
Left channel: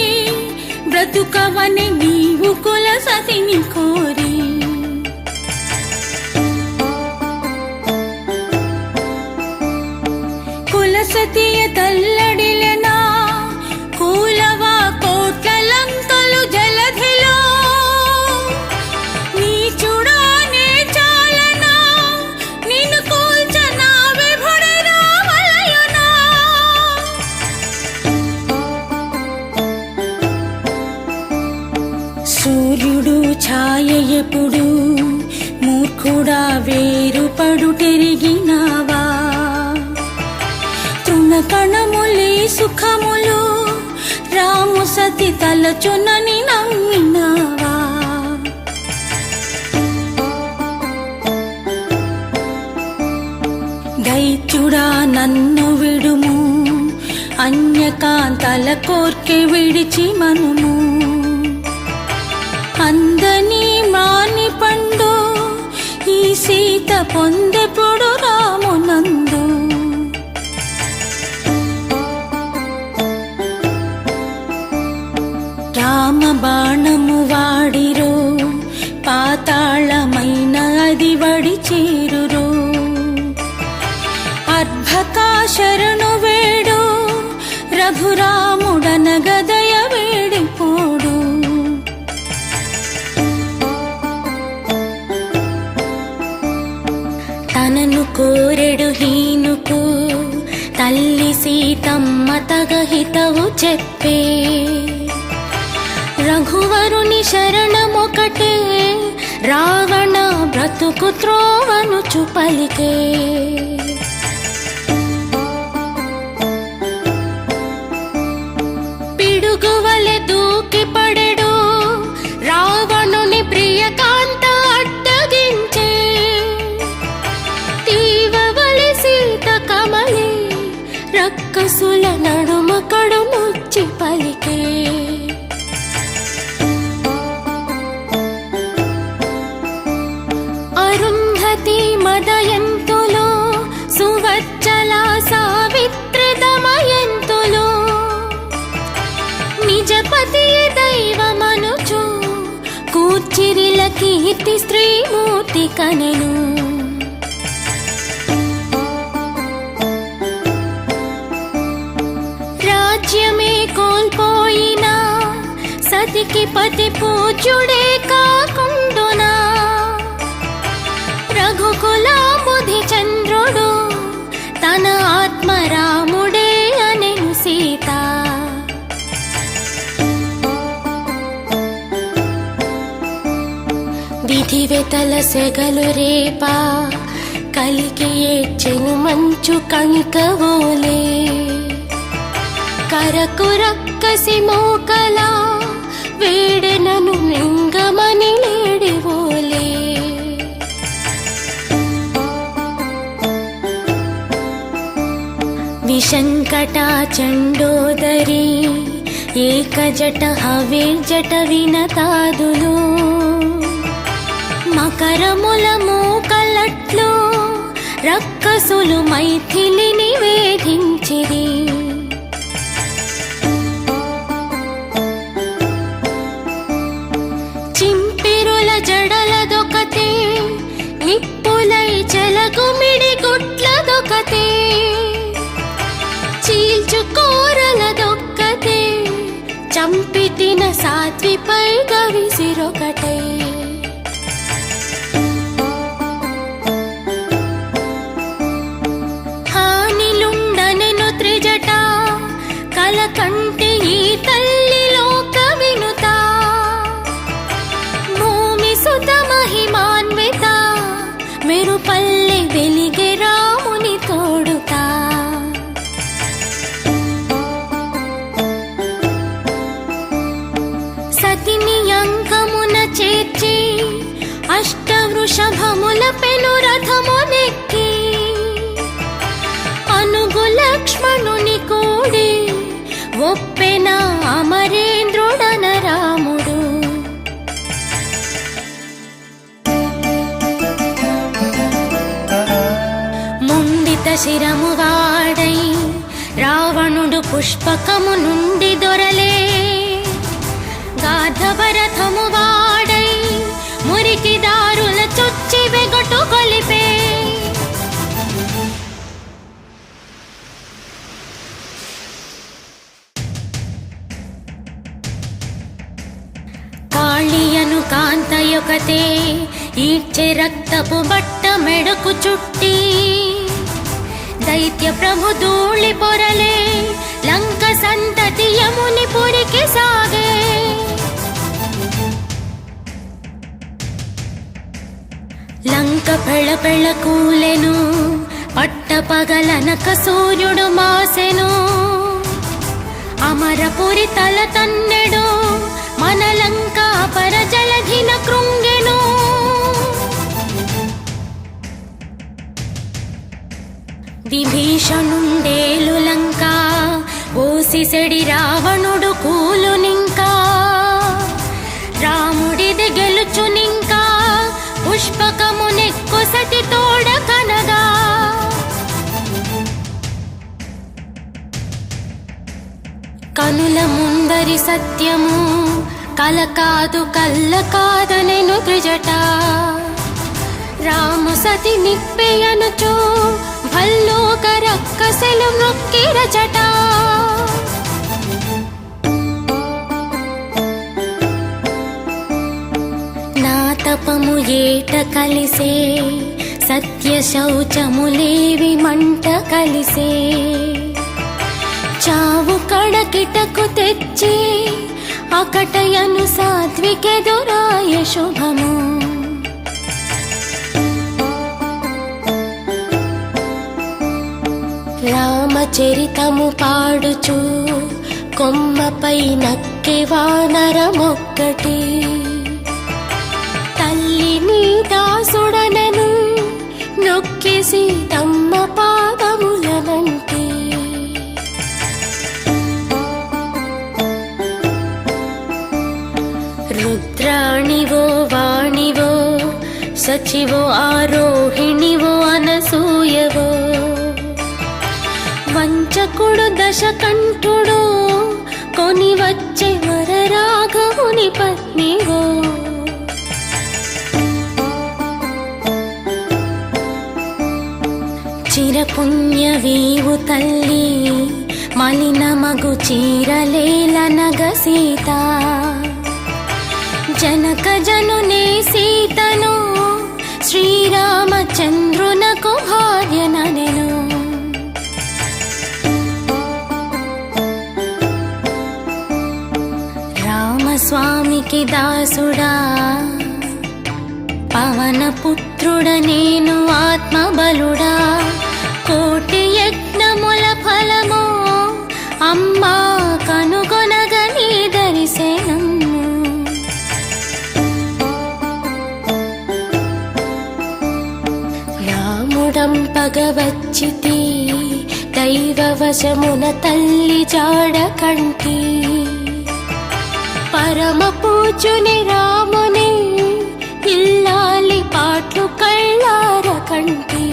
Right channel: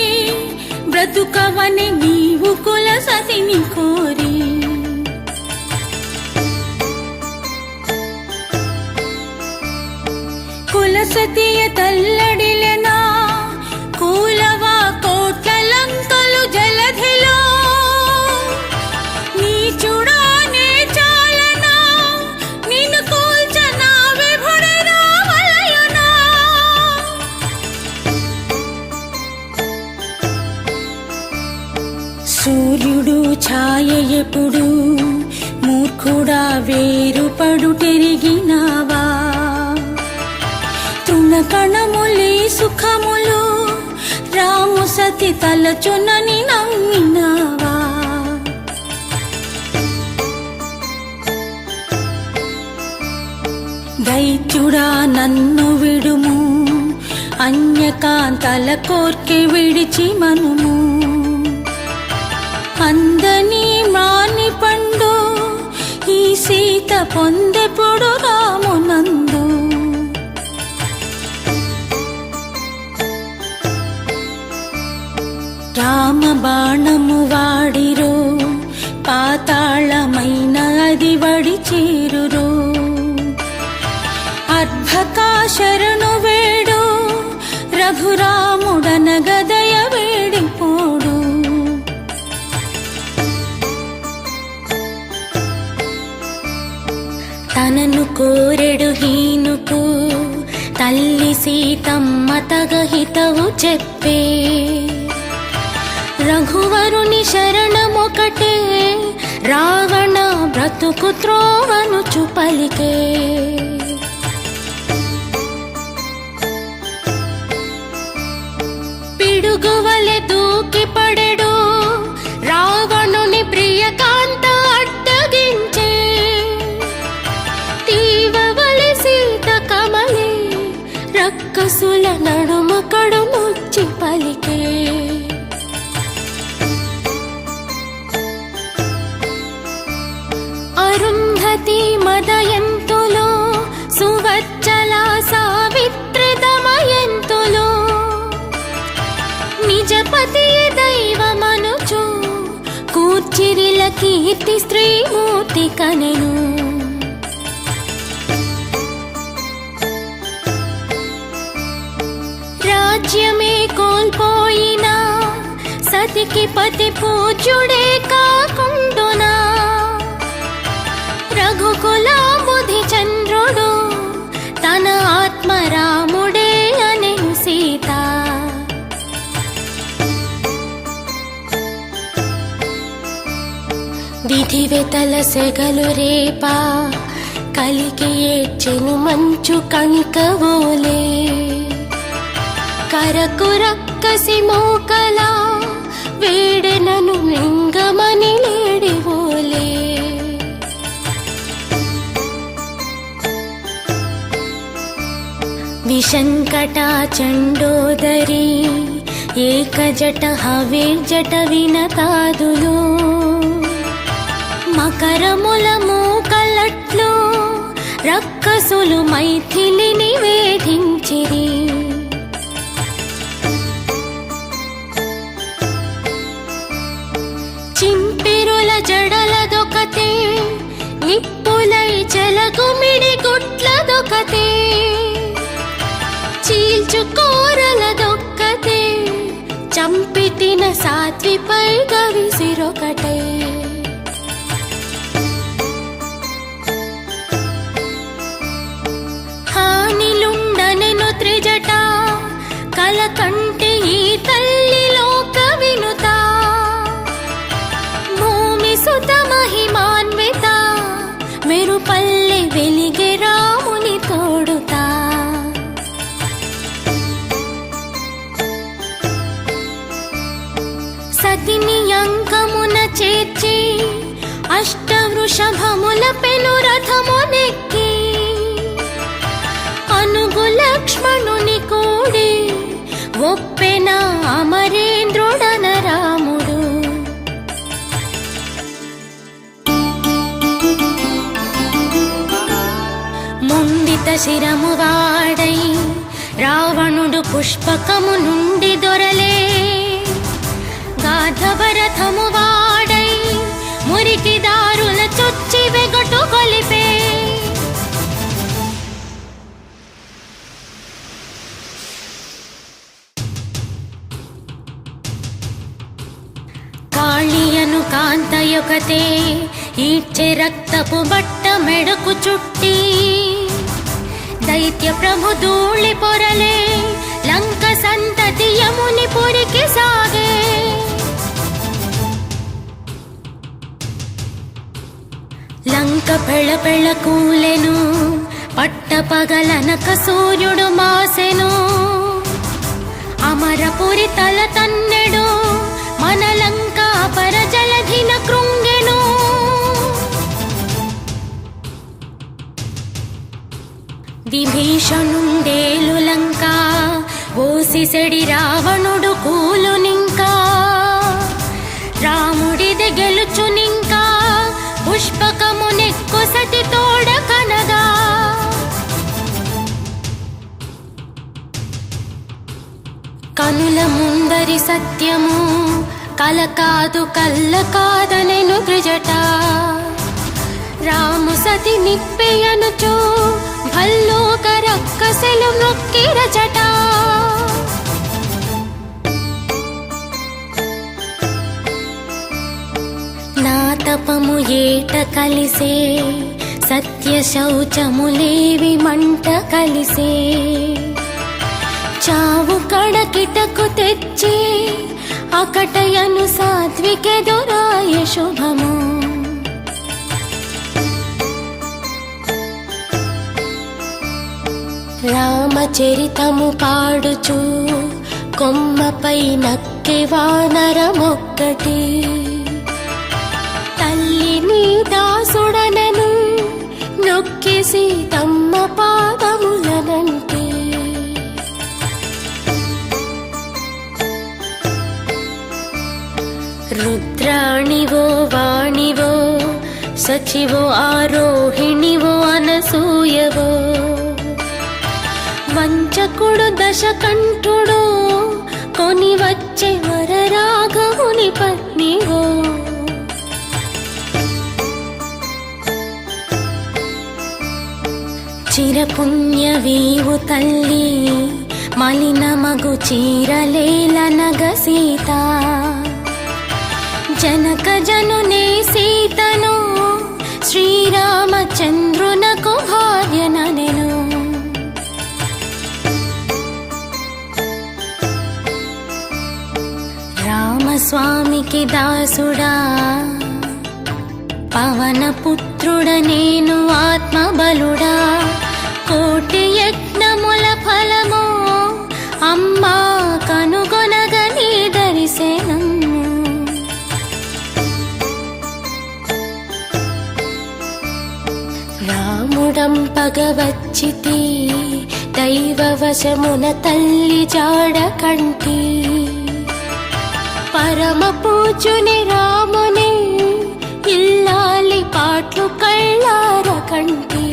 బ్రతుకవని నీవు కుల సతిని కోరి కులసతియ తల్లడిలెదా కూలవా కోట్ల లంకలు జలధిలో నీచుడా నీచాలనా నిన్ను కూల్చనా విభుడి రావలయునా సూర్యుడు ఛాయ ఎప్పుడు మూర్ఖుడా వేరుపడుటెరిగినావా కణములి సుఖములు రాము సతి తలచునని నమ్మినావా దైత్యుడా నన్ను విడుము అన్యకాంతల కోర్కె విడిచి మనుము అందని మాని పండు ఈ సీత పొందెప్పుడు రామునందు రామ బాణము వాడిరో పాతాళమైన అది వడి చేరురో అద్భుతా శరణు వేడు రఘురాముడన గదయ వేడిపోడు తనను కోరెడు హీనుకు తల్లి సీతమ్మ తగహితవు చెప్పే రఘువరుని శరణమొకటే రావణ బ్రతుకు త్రోవనుచు పలికే పిడుగువలె దూకి పడెడు రావణుని ప్రియకాంత అడ్డగించే తీవవలె సీత కమలి రక్కసుల నడుమ కడుముచ్చి పలికే అరుంధతి మదయంతులో సువచ్చల సావిత్రి దమయంతులో నిజపతియ దైవమనుచు కూర్చిరిల కీర్తి స్త్రీమూర్తి కనెను రాజ్యమే కోల్పోయినా సతికి పతి పూజ్యుడే కాకుండునా రఘుకులాముది చంద్రుడు తన ఆత్మరాముడే అనెను సీత విధివెతల సెగలు రేపా కలికి ఏడ్చెను మంచు కణికవోలే కరకు రక్కసి మోకల వేడెనను లింగమని లేడివోలే విశంకట చండోదరి ఏకజట హవిర్జట వినతాదులు మకరముల మూకలట్లు రక్కసులు మైథిలిని వేధించిరి జడలదొకతే ఇప్పులై చెలగుమిడి గుట్లదొకతే చీల్చుకోరలదొక్కతే చంపితిన సాత్విపై గవిసిరొకటే హానిలుండనెను త్రిజట కల కంటే ఈ తల్లి లోక వినుత భూమి సుత మహిమాన్విత మెరుపల్లి వెలిగి రాముని తోడుతా సతిని అంకమున చేర్చి అష్టవృషభముల పెను రథమునెక్కి అనుగు లక్ష్మణుని కోడి ఒప్పెన అమరేంద్రుడన రాముడు ముందిత శిరము వాడై రావణుడు పుష్పకము నుండి దొరలే గాధవరథము వాడై మురికి దారుల చుచ్చి వెగటు కొలిపే కాళియను కాంతయొకతే ఈడ్చె రక్తపు బట్ట మెడకు చుట్టి దైత్య ప్రభు ధూళి పొరలే లంక సంతతి యముని పురికి సాగే లంక పెళ పెళ కూలెను పట్ట పగలనక సూర్యుడు మాసెను అమరపురి తల తన్నెడు మన లంక పర జలధిన కృంగెను విభీషణుండేలు లంక ఓసిసెడి రావణుడు కూలునింకా రాముడిది గెలుచునింకా పుష్పకమునెక్కొసటి తోడ కనగా కనుల ముందరి సత్యము కల కాదు కల్ల కాదనెను త్రిజట రాము సతి నిప్పెయనుచో భల్లోక రక్కసెలు నొక్కిర జట నా తపము ఏట కలిసే సత్య శౌచములేవి మంట కలిసే చావు కడకిటకు తెచ్చే అకటయను సాత్వికెదురాయ శుభము రామచరితము పాడుచు కొమ్మపై నక్కె వానరమొక్కటి తల్లిని దాసుడనెను నొక్కి సీతమ్మ పాదములనంటి రుద్రాణివో వాణివో సఖివో ఆరోహిణివో అనసూయవో వంచకుడు దశకంఠుడు కొని వచ్చే వరరాఘవుని పత్నివో చిరపుణ్యవీవు తల్లి మలిన మగు చీరలేలనగ సీత జనక జనుని సీతను శ్రీరామచంద్రునకు భార్యనెను రామస్వామికి దాసుడా పవన పుత్రుడ నేను ఆత్మబలుడా కోటి యజ్ఞముల ఫలము అమ్మా కనుగొనగని దర్శనము రాముడంపగవచ్చితి దైవవశమున తల్లి జాడ కంటి పరమ పూజుని రాముని ఇల్లాలి పాట్లు కళ్ళార కంటి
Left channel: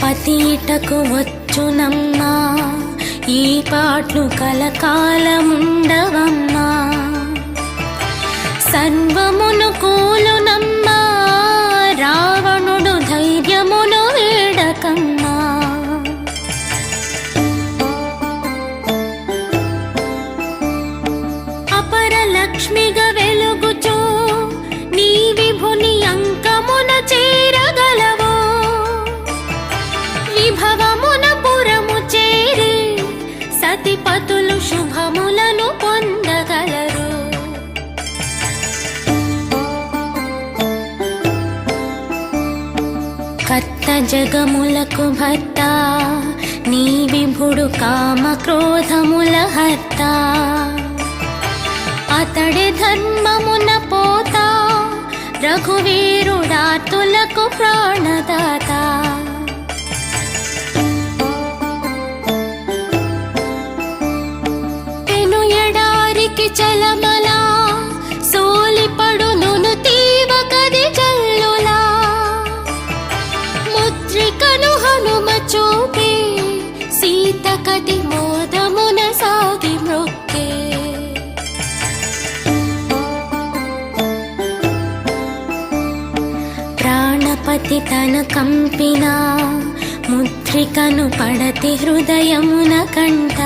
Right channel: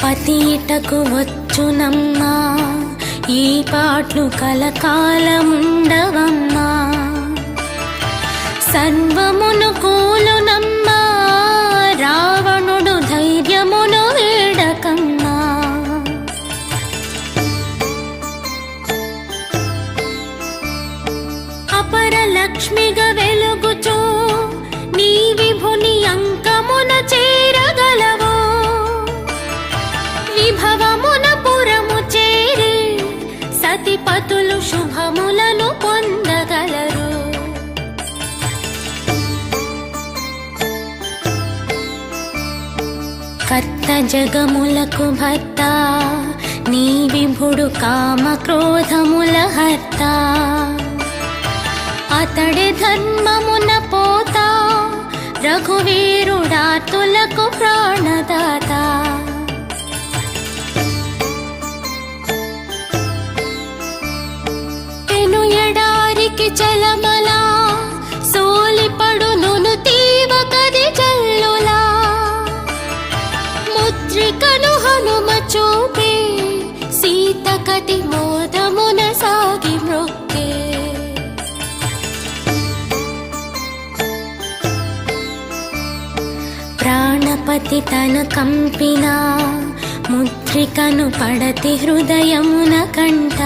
పతీటకు వచ్చునమ్మా ఈ పాటలు కలకాలముండవమ్మా సర్వమును కూలునమ్మా రావణుడు ధైర్యమును వేడకన్నా అపర లక్ష్మిగా వెలుగుచో నీ విభుని అంకమున చేరగలవో విభవమున పురము చేరే సతిపతులు శుభములను పొందగలరు కర్త జగములకు భర్త నీ విభుడు కామ క్రోధముల హర్త అతడి ధర్మమున పోత రఘువీరుడాతులకు ప్రాణదాత పెను ఎడారికి చలమల సోలిపడును తీవ కది జల్లులా ముద్రికను హనుమ చూపే సీత కది మోదమున సాగి మృక్కే ప్రాణపతి తన కంపిన ముద్రికను పడతి హృదయమున కంట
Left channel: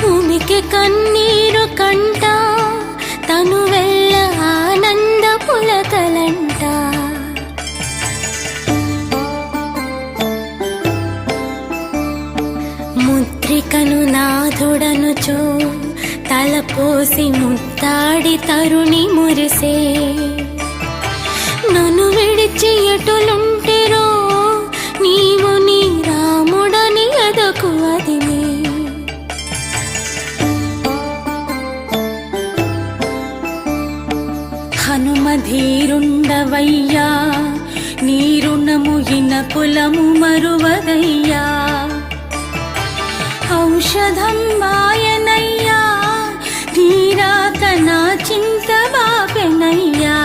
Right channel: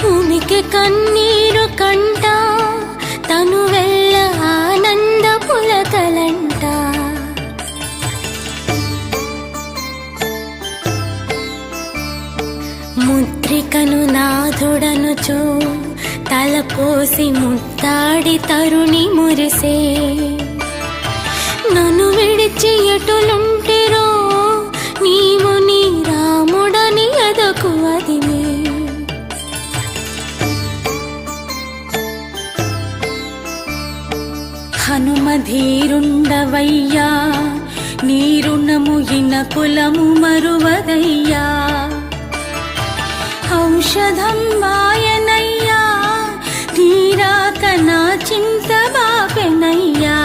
భూమికి కన్నీరు కంట తను వెళ్ళ ఆనంద పులకలంట ముద్రికను నాథుడనుచు తలపోసి ముద్దాడి తరుణి మురిసే నన్ను విడిచి ఎటులుంటెరో నీవు నీ రాముడని ఎదకు అదిని హనుమ ధీరుండవయ్యా నీ రుణము ఇన కులము మరువదయ్యా ఔషధం మాయనయ్యా తీరాక నా చింత బాపెనయ్యా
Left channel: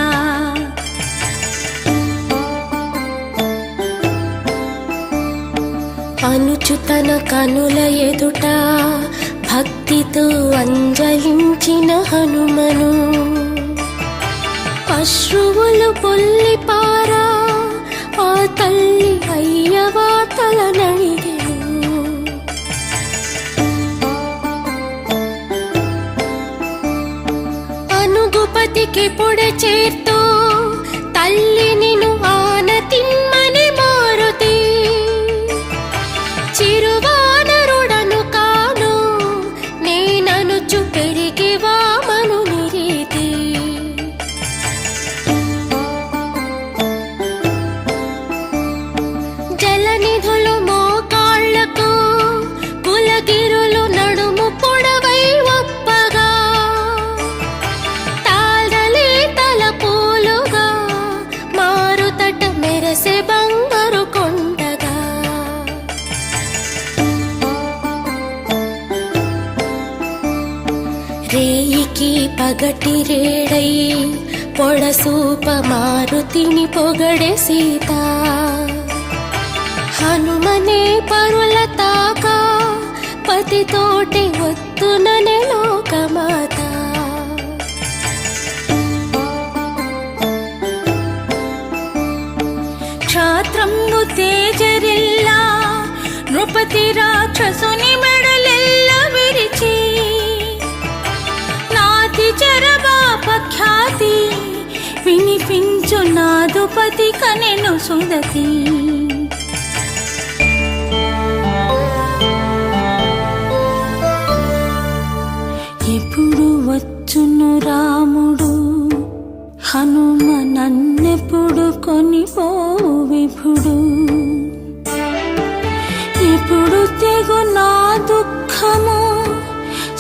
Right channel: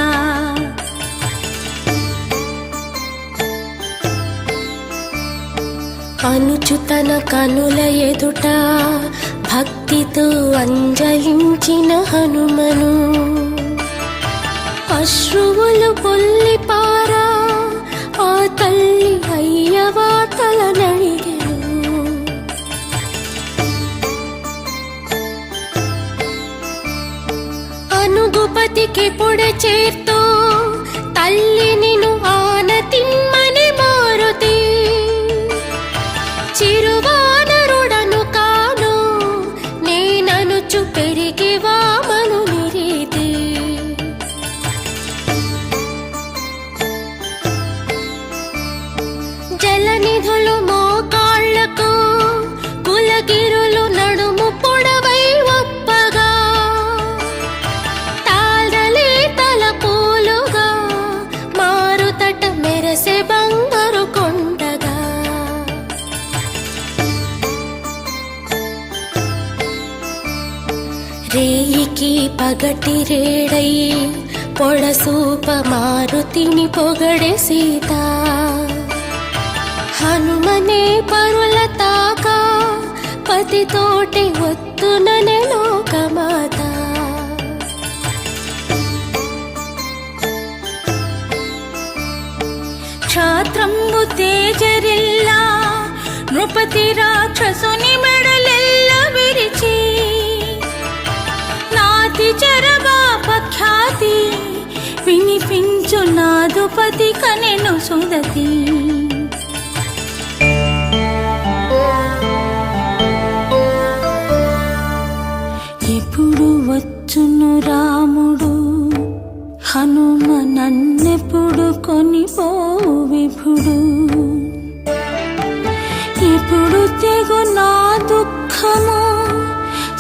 అనుచు తన కనుల ఎదుట భక్తితో అంజలించిన హనుమను అశ్రువులు పొల్లిపారా ఆ తల్లి అయ్యవా తలనడిగెను అనుగుపతికి పొడ చేర్తో తల్లి నిను ఆనతిమ్మని మారుతే చిరువానరుడను కాను నేననుచు పెరిగి వామను నిరీతి జలనిధులు మోకాళ్లకు కులగిరులు నడుము పొడవై ఒప్పగా తాళలే తల పూలుగా మారుతట మెరసె బంగారు కొండగా రేయికి పగటి రేడై పొడసూప మారుతిని పొగడే సీత హనుమనే పరుల తాక పతితోటి ఒత్తుననే లోకమాత క్షాత్రము తేజరిల్లా నృపతి రాక్షసుని మెడలెల్ల విరిచి నాతి చరమాపఖ్యాతి వినిపించు నాదుపతి కనెను సుదతి ఇప్పుడు వచ్చును రాముడు హనుమ నన్నెప్పుడు కొనిపో విభుడు ఇప్పుడు తెగు నా దుఃఖము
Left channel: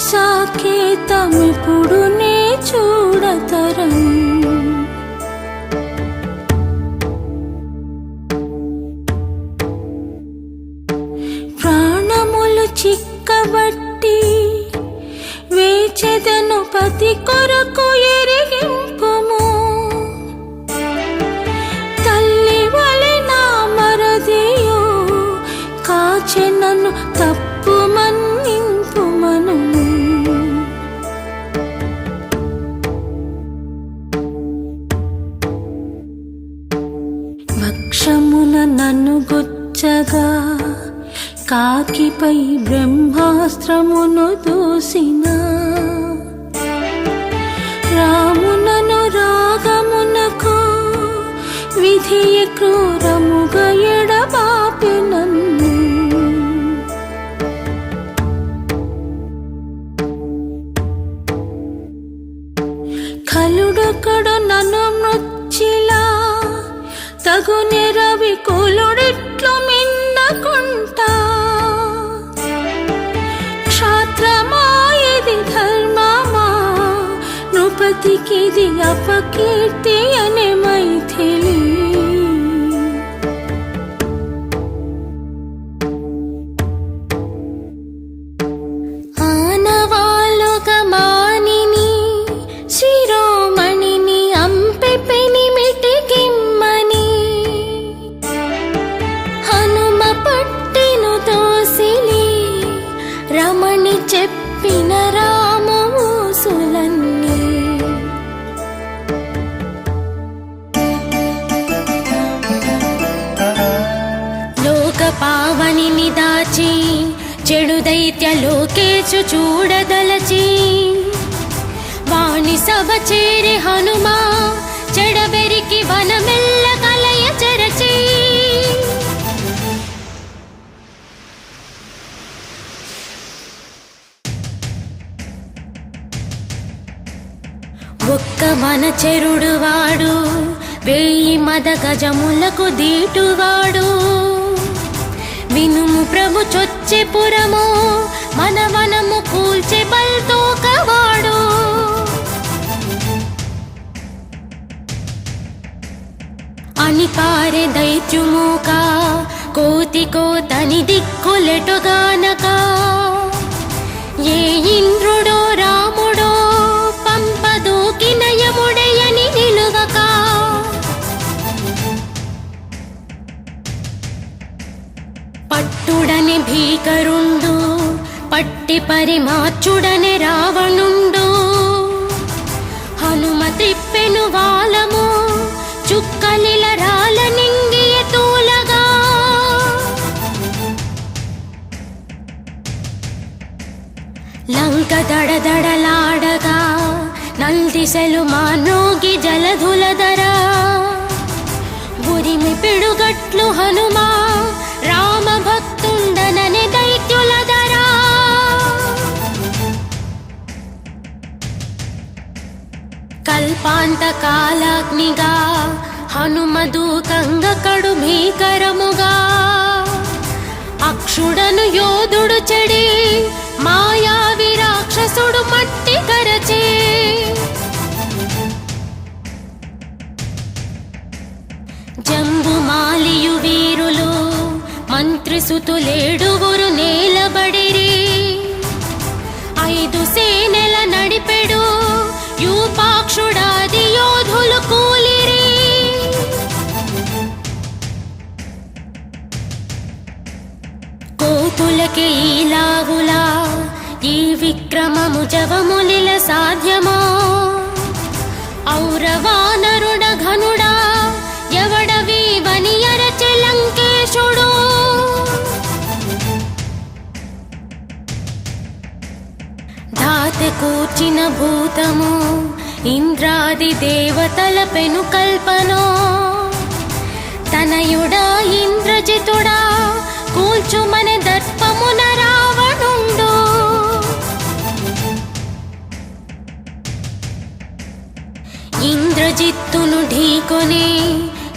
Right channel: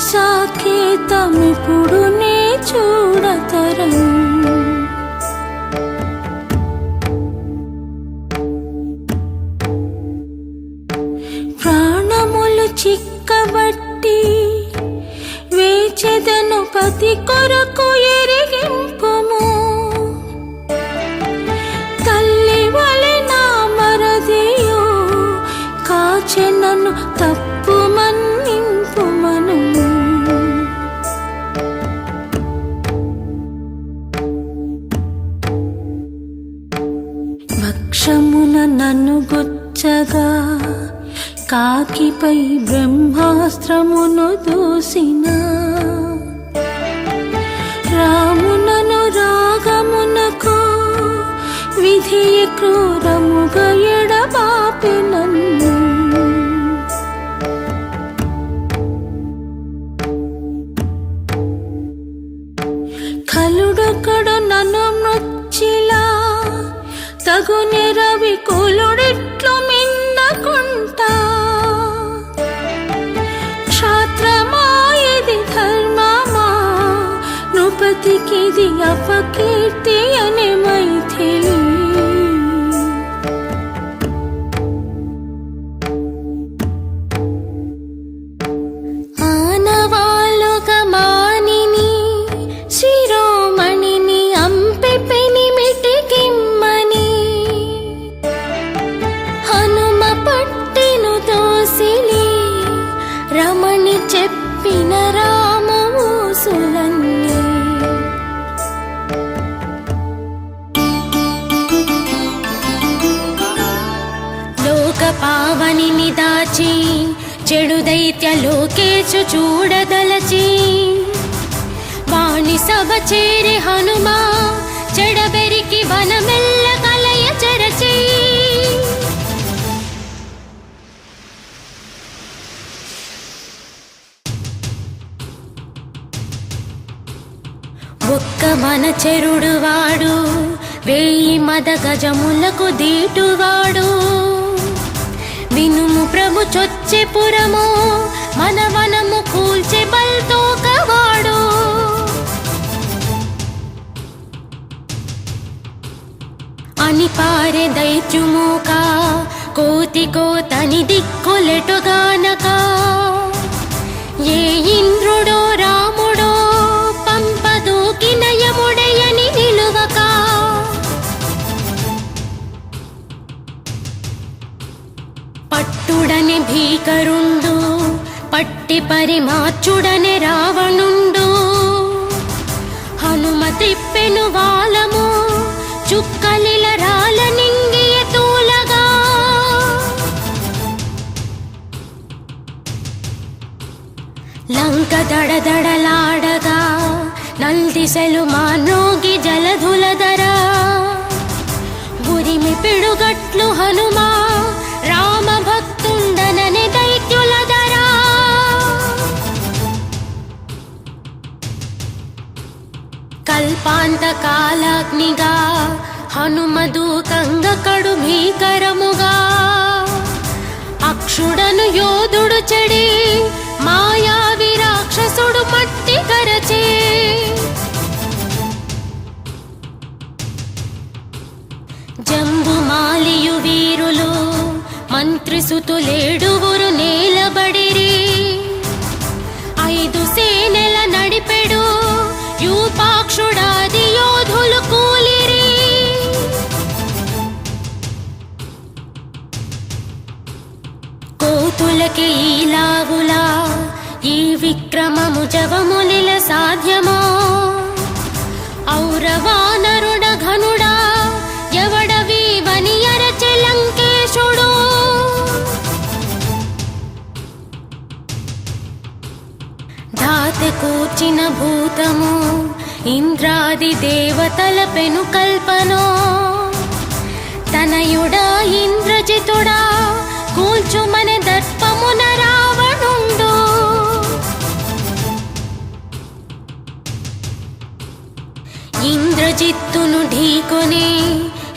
సాకేతమిప్పుడు నే చూడతరను ప్రాణములు చిక్కబట్టి వేచెదను పతి కొరకు ఎరిగింపుము తల్లి వలె నా మరదియు కాచె నన్ను తప్పు మన్నింపు మను. వక్షమున నన్ను గుచ్చగా కాకిపై బ్రహ్మాస్త్రమును దూసిన. రామునను రాగమునకు విధి క్రూరముగా ఎడబాపు నన్ను. కలుడొకడు నన్ను మృచ్చిలా తగుని రవి కులుడిట్లు మిండకుంటా. క్షాత్రమా ఇది ధర్మమా నృపతికిది అపకీర్తి అనే మైథిలి. ఆనవాలుగా మానిని శిరోమణిని అంపె పెనిమిటి గిమ్మని. హనుమ పట్టిను దోసిలి రమణి చెప్పిన రామమూసులన్నీ. లోక పావనిని దాచి చెడు దైత్య లోకేశు చూడదలచి. వాణి సభ చేరి హనుమా చెడబెరికి వనమెల్ల కలయ చెరచి. ఒక్క మన చెరుడు వాడు వేయి మద గజములకు దీటువాడు. వినుము ప్రభు చొచ్చె పురము మన వనము కూల్చె బల్తూకవాడు. అని పారె దైత్యుమూక కోతి కోతని దిక్కులెటుగానక. ఏ ఇంద్రుడో రాముడో పంపదూకి నయముడయని నిలువక. పట్టుడని భీకరుండు పట్టి పరిమాచుడని రావణుండు. హనుమ తిప్పెను వాలము చుక్కలిల రాల నింగియ తూలగా. లంక దడదడలాడగా నందిసెలు మానోగి జలధులధర. గురిమి పిడుగట్లు హనుమా రామ భక్తుండనని దైత్యులధరా. కల్పాంత కాలాగ్నిగా హనుమదూకంగ కడు భీకరముగా. అక్షుడను యోధుడు చెడే మాయావి రాక్షసుడు మట్టి కరచే. జంబుమాలియు వీరులు మంత్రిసుతులేడుగురు నేలబడిరి. 5 సేనల నడిపెడు యూపాక్షుడాది యోధులు కూలిరి. కోతులకి ఈలావులా ఈ విక్రమము జవములిల సాధ్యమో. ఔరవానరుడ ఘనుడా ఎవడవీవని ఎరచి లంకేశుడు. ధాత కూర్చిన భూతము ఇంద్రాది దేవతల పెను కల్పనో. తనయుడా ఇంద్రజితుడా కూల్చుమన దర్పమున రావణుండు. ఇంద్రజిత్తును ఢీకొని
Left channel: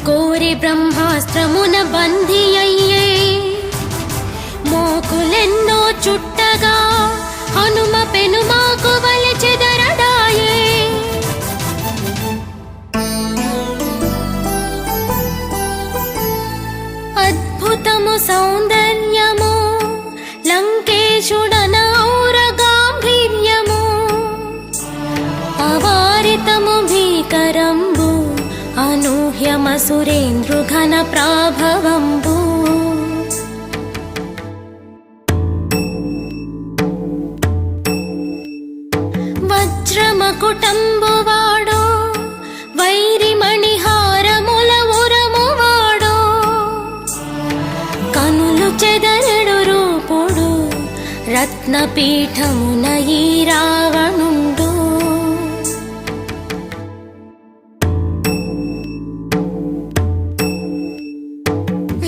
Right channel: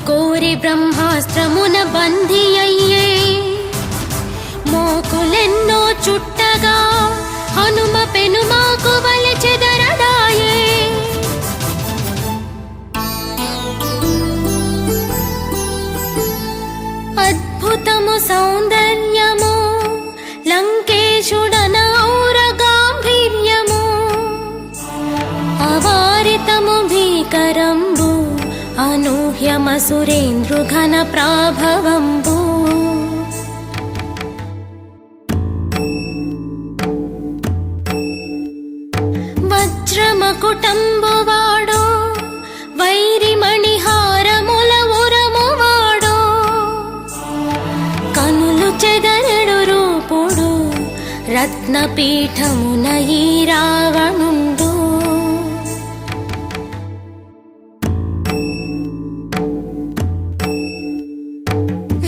కోరి బ్రహ్మాస్త్రమున బంధి అయ్యే. మోకులెన్నో చుట్టగా హనుమ పెనుమాకు వలె చెదరడాయే. అద్భుతము సౌందర్యము లంకేశుడనౌర గాంభీర్యము. అవారితము భీకరంబు అనూహ్యమసురేంద్రు ఘన ప్రాభవంబు. ఎదలడు రూపుడు రత్నపీఠమున ఈ రావణుండు.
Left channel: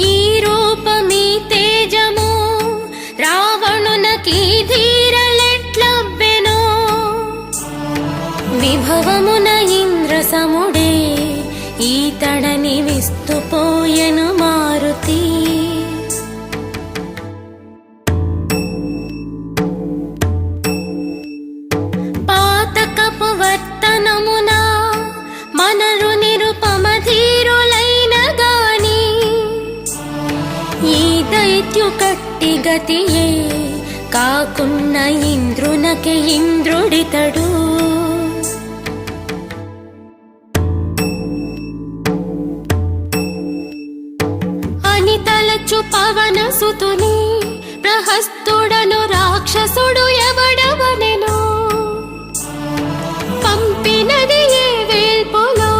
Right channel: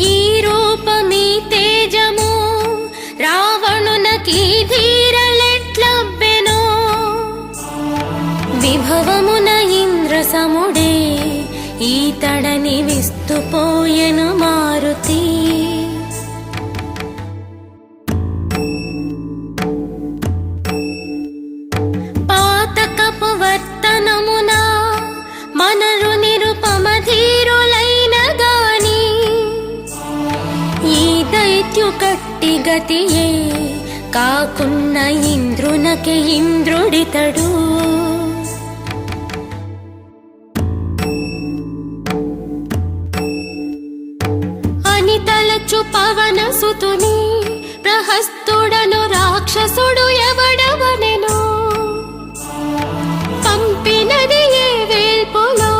ఈ రూపమీ తేజము రావణునకి ధీరలెట్లబ్బెనో, విభవమున ఇంద్రసముడే ఈతడని విస్తుపోయెను మారుతి. పాతకపు వర్తనమున మనలు నిరుపమధీరులైన గాని ఈ దైత్యు కట్టి గతియే కాకున్న ఇంద్రునకే ఇంద్రుడితడు. అని తలచు పవన సుతుని ప్రహస్తుడను రాక్షసుడు ఎవడెవడెనో, పంపినది ఏ వేల్పులో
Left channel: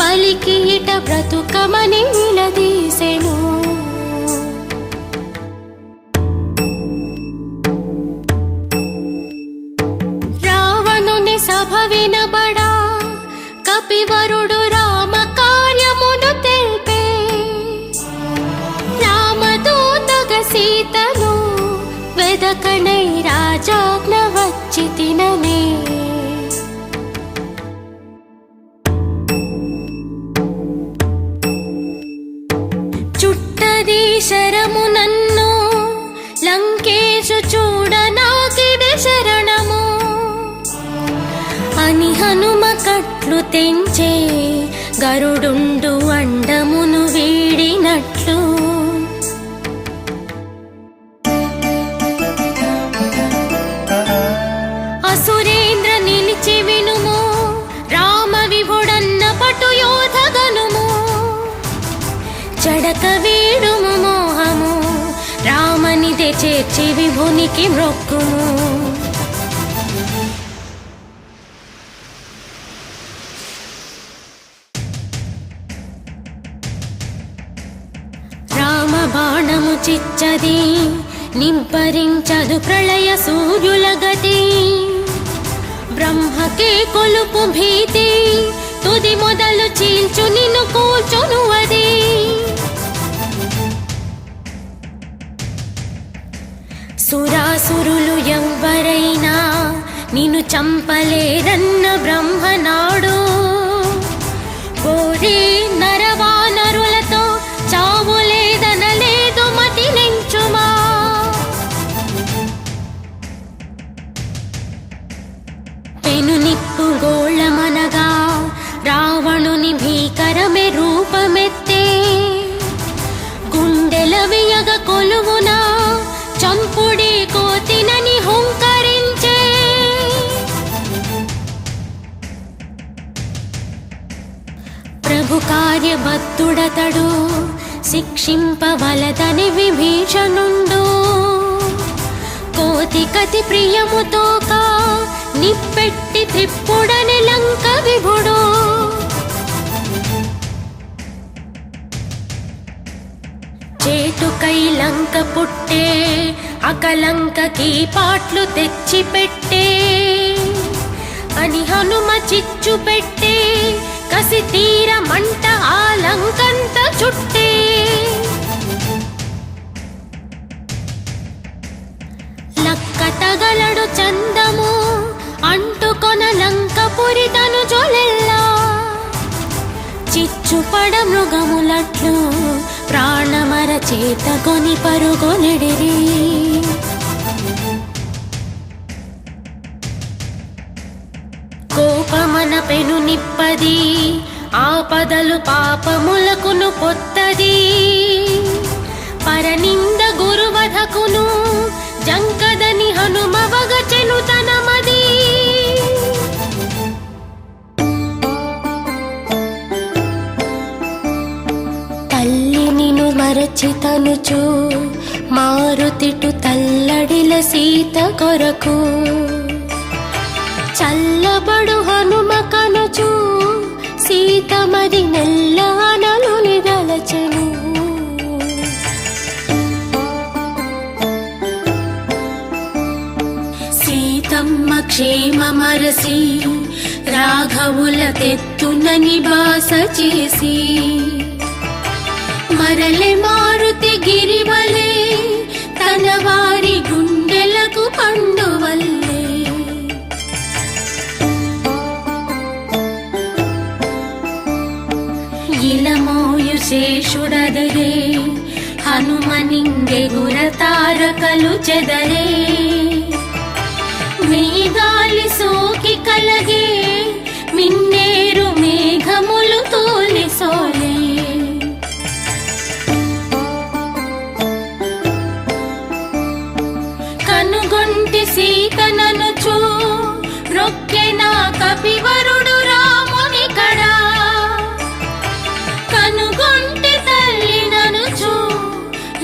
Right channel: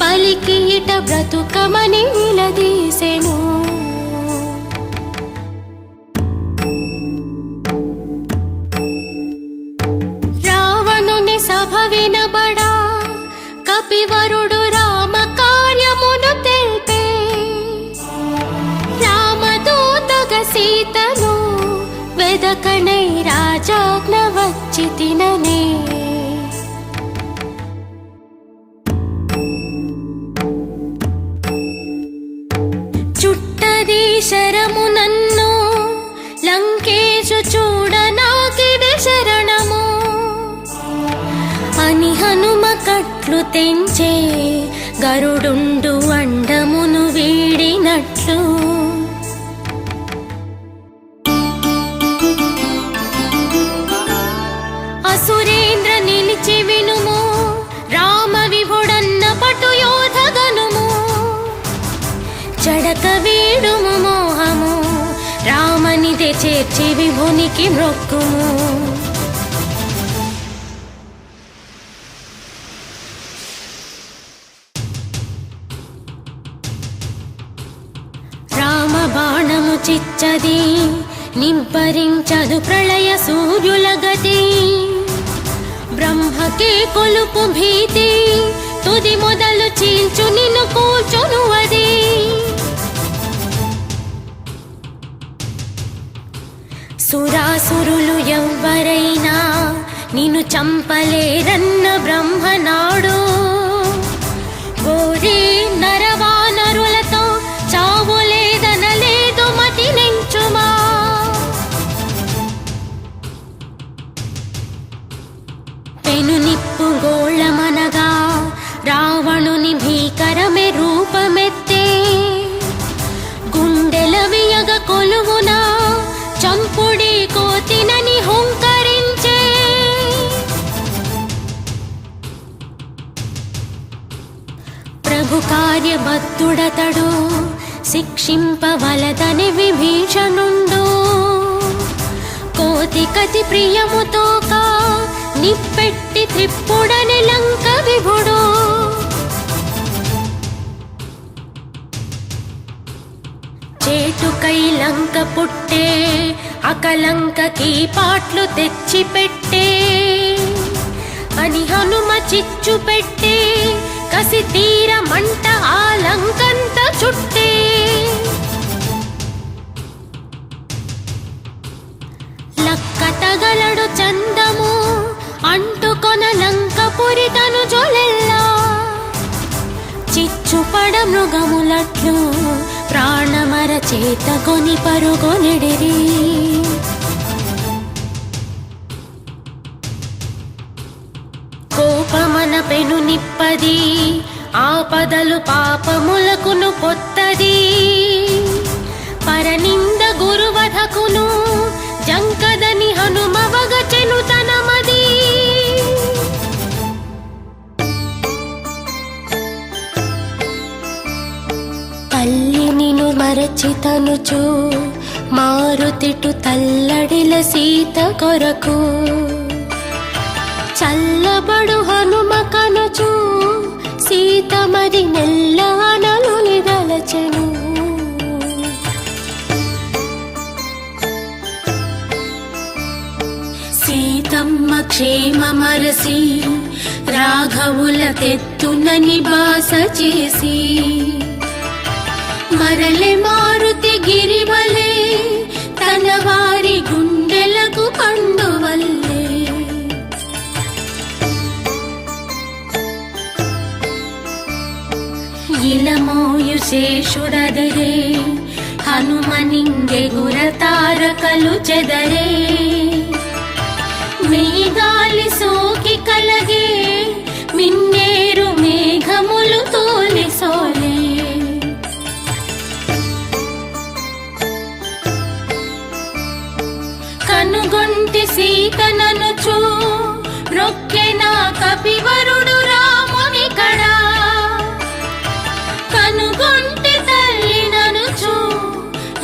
పలికి ఇట బ్రతుకమని నిలదీసెను. రావణుని సభ వినబడా కపివరుడు రామ కార్యమును తెలిపే, రామదూతగ సీతను వెదకనై రాజాజ్ఞ వచ్చి తిననే. చుట్టది శరము నన్ను లంకేశు చూడ నాకిడ శరణము అని హనుమ కట్లు తెంచే గరుడుండు అండమును వీడినట్లు. అసురేంద్ర నిలిచి వినుము రామ విభుడన్న పటు యోధగనుము, చడక వేడుము మోహము రామనిదే చేర్చి విభునికి మ్రొక్కుము. రామ బాణము చిచ్చది నింపరించదు ప్రళయ సూర్యుల గతి, బ్రహ్మకే కొలుపు భీతి తుది మొదలు చీల్చు నిన్ను కూర్చును అది. సురాసురులు ఎవ్వరైనా నిన్ను చంపలేరన్న బ్రహ్మనాడు, గోరే నరవానరులతో చావులేదనలేదు మతి నించుమా. పెను నిప్పు గోళమనగా రావణుని భీకరమే రూపమెత్తే, గుండెల వేయగ కొలువున చంపుడి కోతినని హుంకరించే. ప్రభు కార్యభక్తుడతడు శిక్షింపవలదని విభీషణుండు, కోతి కతి ప్రియముతోక నిప్పెట్టి త్రిప్పుడని లంక విభుడు. చేటుకై లంక పుట్టే అకలంకకి పాట్లు తెచ్చి పెట్టే అని హనుమ చిచ్చు పెట్టే, కసి తీర మంట ఆ లంకంత చుట్టే. లక్క తగలడు చందము అంటుకొన లంక పురితను జొలెల్లా, చిచ్చుపడ మృగములట్లు ప్రాణమర చేత కొని పరుగొనెడిరి. కోపమన పెను నిప్పది ఆపదలు పాపములకును పొత్తది, పరనింద గురువధకును జంకదని హనుమవగ చెనుతనమది. తల్లి నిను మరచితనుచు మారుతిటు తల్లడిల సీత కొరకు, చల్లబడు హనుమ కనుచు సీత మరి మెల్లనలు నిదలచెను. సీతమ్మ క్షేమమరసి రాఘవుల తెత్తునని బాస చేసి మరలి మారుతి గిరివలే తన వారి గుండెలకు పండువల్లే ఇలమోయు శేషుడదరే హనుమనింగే గుర తారకలు చెదరే మేఘాలి సోకి కలగే మిన్నేరు మేఘములు తోలి సోలే కనుగొంటి సీతననుచు రొక్కెన కపివరుడు రాముని కడా కనుగొంటి తల్లిననుచు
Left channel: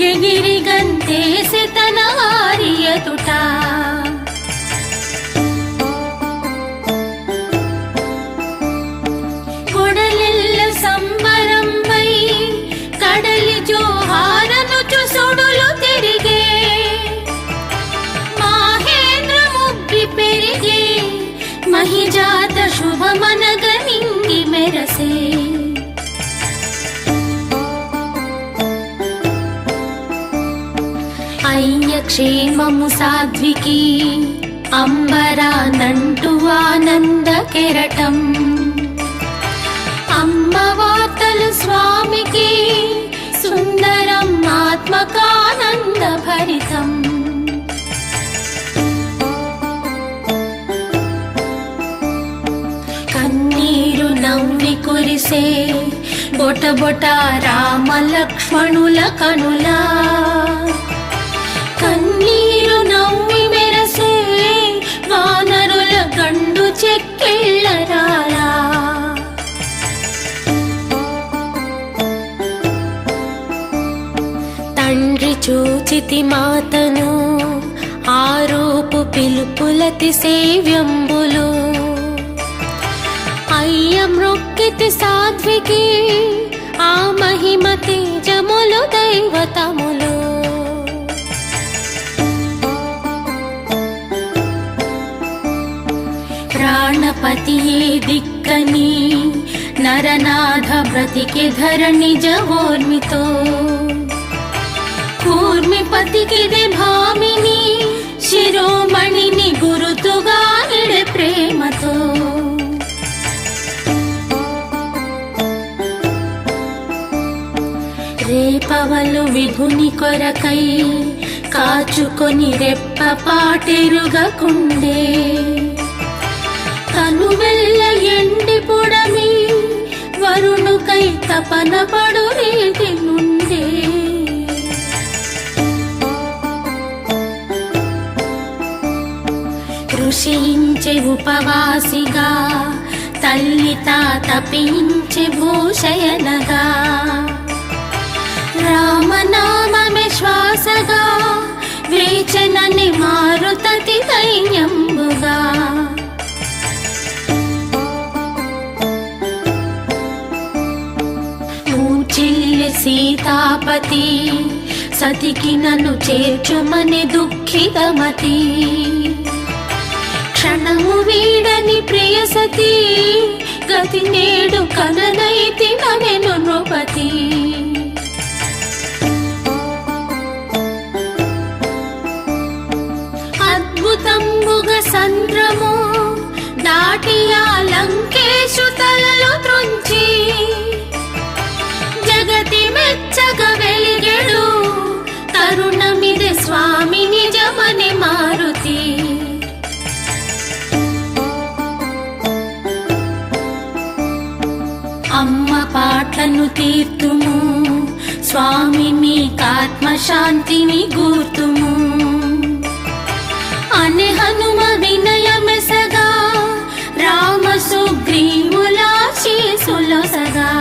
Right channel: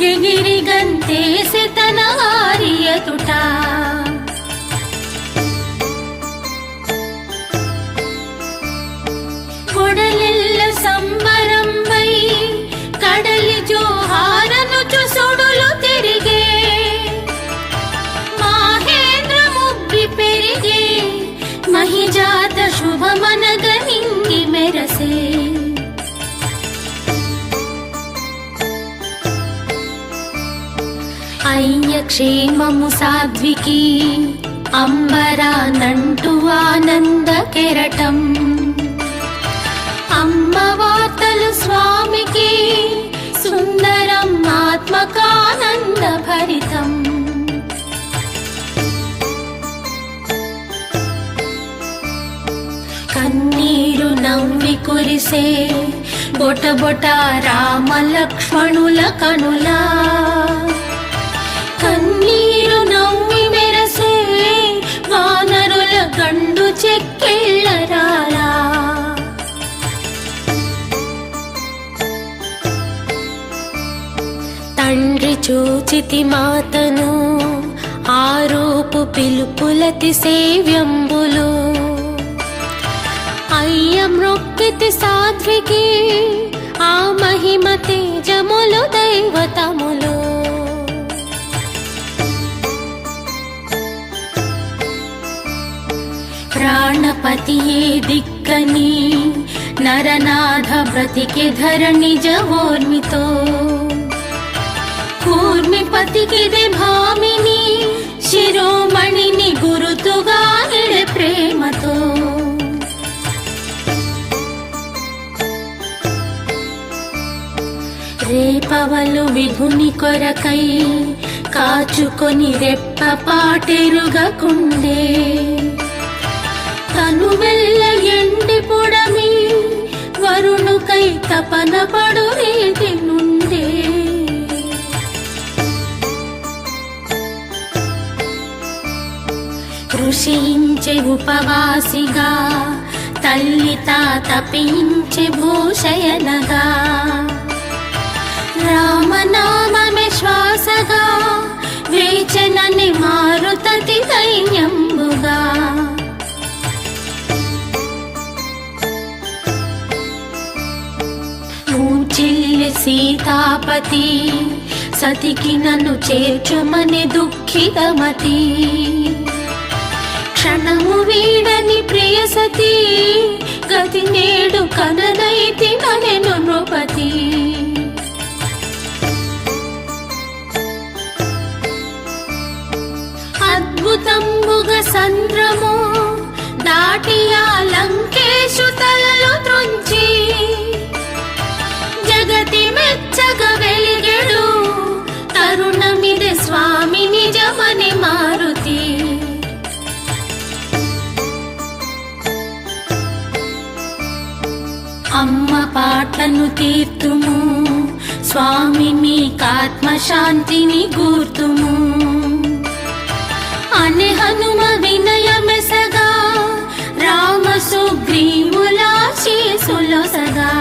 ఎగిరి గంతేసి తన హారియతుట కొడలెల్ల సంబరంపై కడలి జోహారనుచు సుడులు తిరిగే మాహేంద్ర ముబ్బి పెరిగే మహిజాత శుభమనగ నింగి మెరసే అయ్య క్షేమము సాధ్వికి అంబరానంటు ఆనంద కెరటం అమ్మ వార్తలు స్వామికి సుందరం ఆత్మకానంద భరితం కన్నీరు నవ్వి కురిసే బొట బొట రామ లక్ష్మణుల కనులా కన్నీరు నవ్వి మెరసే వానరుల గండు చెక్కెళ్ళరారా తండ్రి చూచితి మాతను ఆరోపు పిలుపులతి సేవ్యంబులు అయ్య మృక్కితి సాధ్వికి ఆ మహిమ తేజములు దైవతములు ప్రాణపతియే దిక్కని నరనాథ బ్రతికి ధర నిజవోర్మితో కూర్మిపతికిదే భామిని శిరోమణిని గురుతుగా నిడే ప్రేమతో రేపవలు విభుని కొరకై కాచుకొని రెప్ప పాటెరుగకుండే తనువెల్ల ఎండి పొడమి వరుణుకై తపన పడు రీతి నుండే కృషించే ఉపవాసిగా తల్లి తపించే భూషయనగా రామనామమే శ్వాసగా వేచనని మారుతటి దైన్యంబుగా మూచిల్లి సీతాపతి సతికి నన్ను చేర్చుమని దుఃఖితమతి క్షణము వీడని ప్రియ సతీ గతి నేడు కనదైతి నగెను నృపతి అద్భుతంబుగ సంద్రము దాటియా లంకేశు తలలు త్రుంచి జగతి మెచ్చగ వెలిగెడు తరుణమిది స్వామి నిజమని మారుతి అమ్మ పాటను తీర్తుము స్వామి మీకాత్మశాంతిని గూర్తుము అని హనుమ వినయమెసగా రామ సుగ్రీవుల శీసులొసగా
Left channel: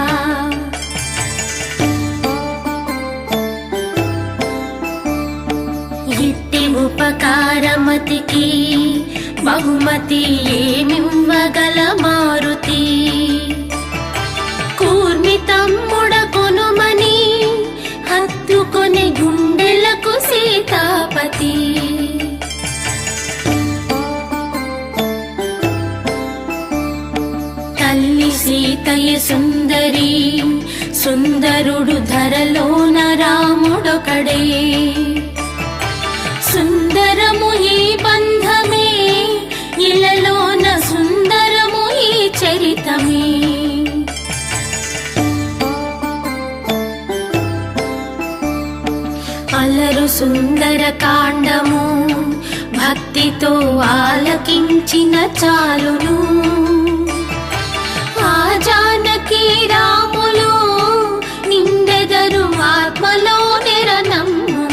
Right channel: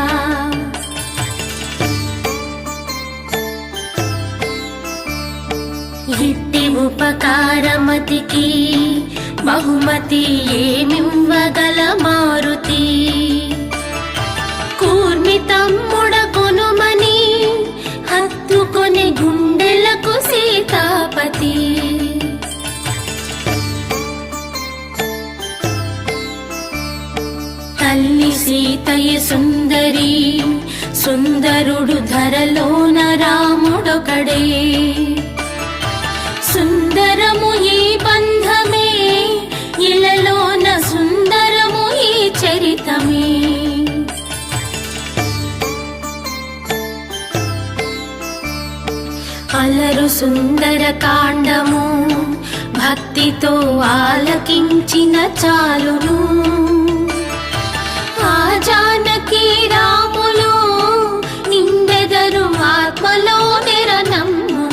ఇట్టి ఉపకారమతికి బహుమతి ఏమివ్వగల మారుతి కూర్మి తమ్ముడగునుమని హత్తుకొని గుండెలకు సీతాపతి సీతయ సుందరి సుందరుడు ధరలోన రాముడొకడే సుందరము ఈ బంధమే ఇలలోన సుందరము ఈ చరితమే అలరు సుందర కాండము భక్తితో ఆలకించిన చాలును ఆ జానకి రాములు నిందెదరు ఆత్మలో నిరనమ్ము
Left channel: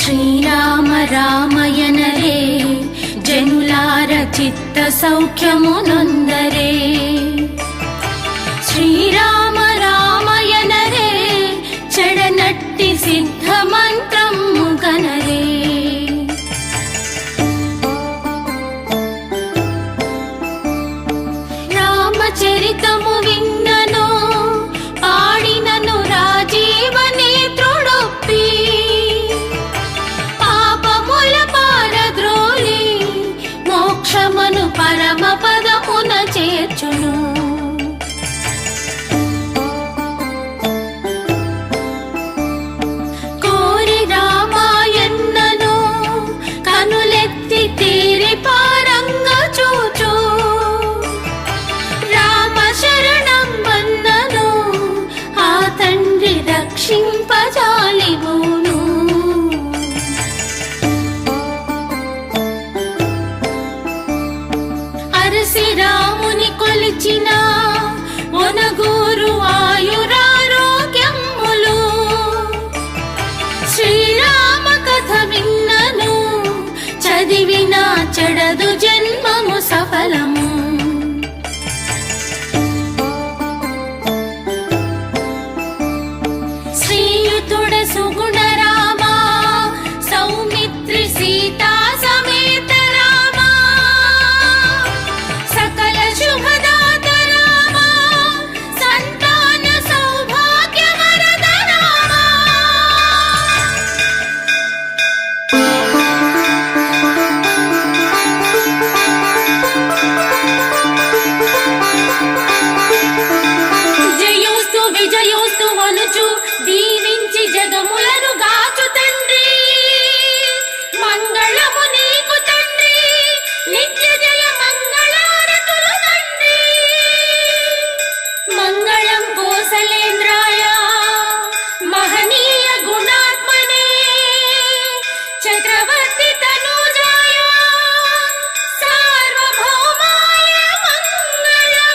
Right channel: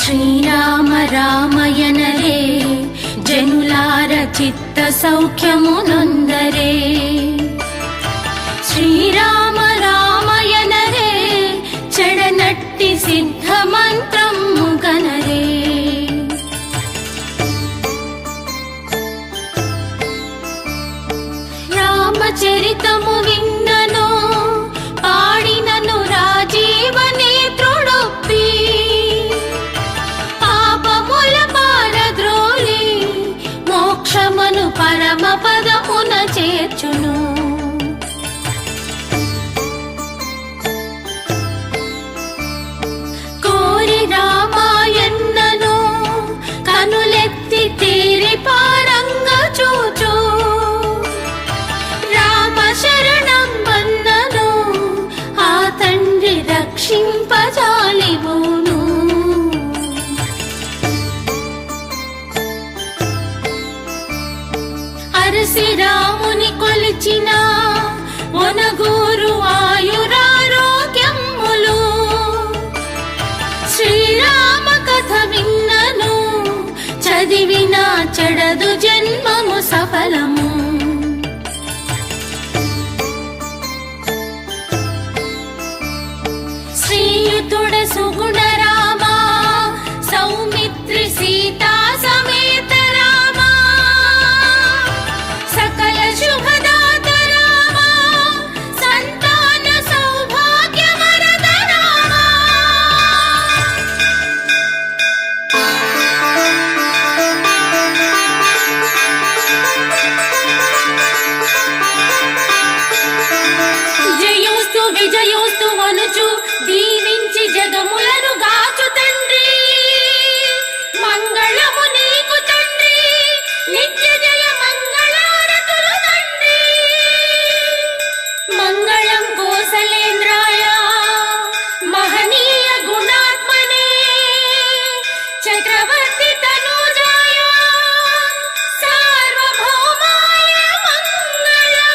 శ్రీరామ రామయనరే జనులార చిత్త సౌఖ్యమునందరే శ్రీరామ రామయనరే చెడనట్టి సిద్ధ మంత్రము గనరే రామచరితము విన్నను పాడినను రాజీవ నేత్రుడొప్పి పాపముల పారద్రోలి మోక్షమును పరమ పదమున చేర్చును కోరి రామాయణను కనులెత్తి తీరి పారంగ చూచు రామ శరణం వన్నను ఆ తండ్రి రక్షింపజాలివును అరసి రాముని కొలిచిన ఒనగూరు ఆయురారోగ్యములు శ్రీరామ కథ విన్నను చదివిన చెడదు జన్మము సఫలము శ్రీయుతుడ సుగుణ రామ సౌమిత్రి సీతా సమేత రామ సకల శుభదాత రామ సంతాన సౌభాగ్య వరద రామ జయోస్తు విజయోస్తు వనుచు దీవించి జగములను గాచు తండ్రి మంగళము నీకు తండ్రి నిత్య జయ మంగళారతులు తండ్రి మంగళం కోసలేంద్రాయ మహనీయ గుణాత్మనే చక్రవర్తి తనూజాయ సార్వభౌమాయ మంగళం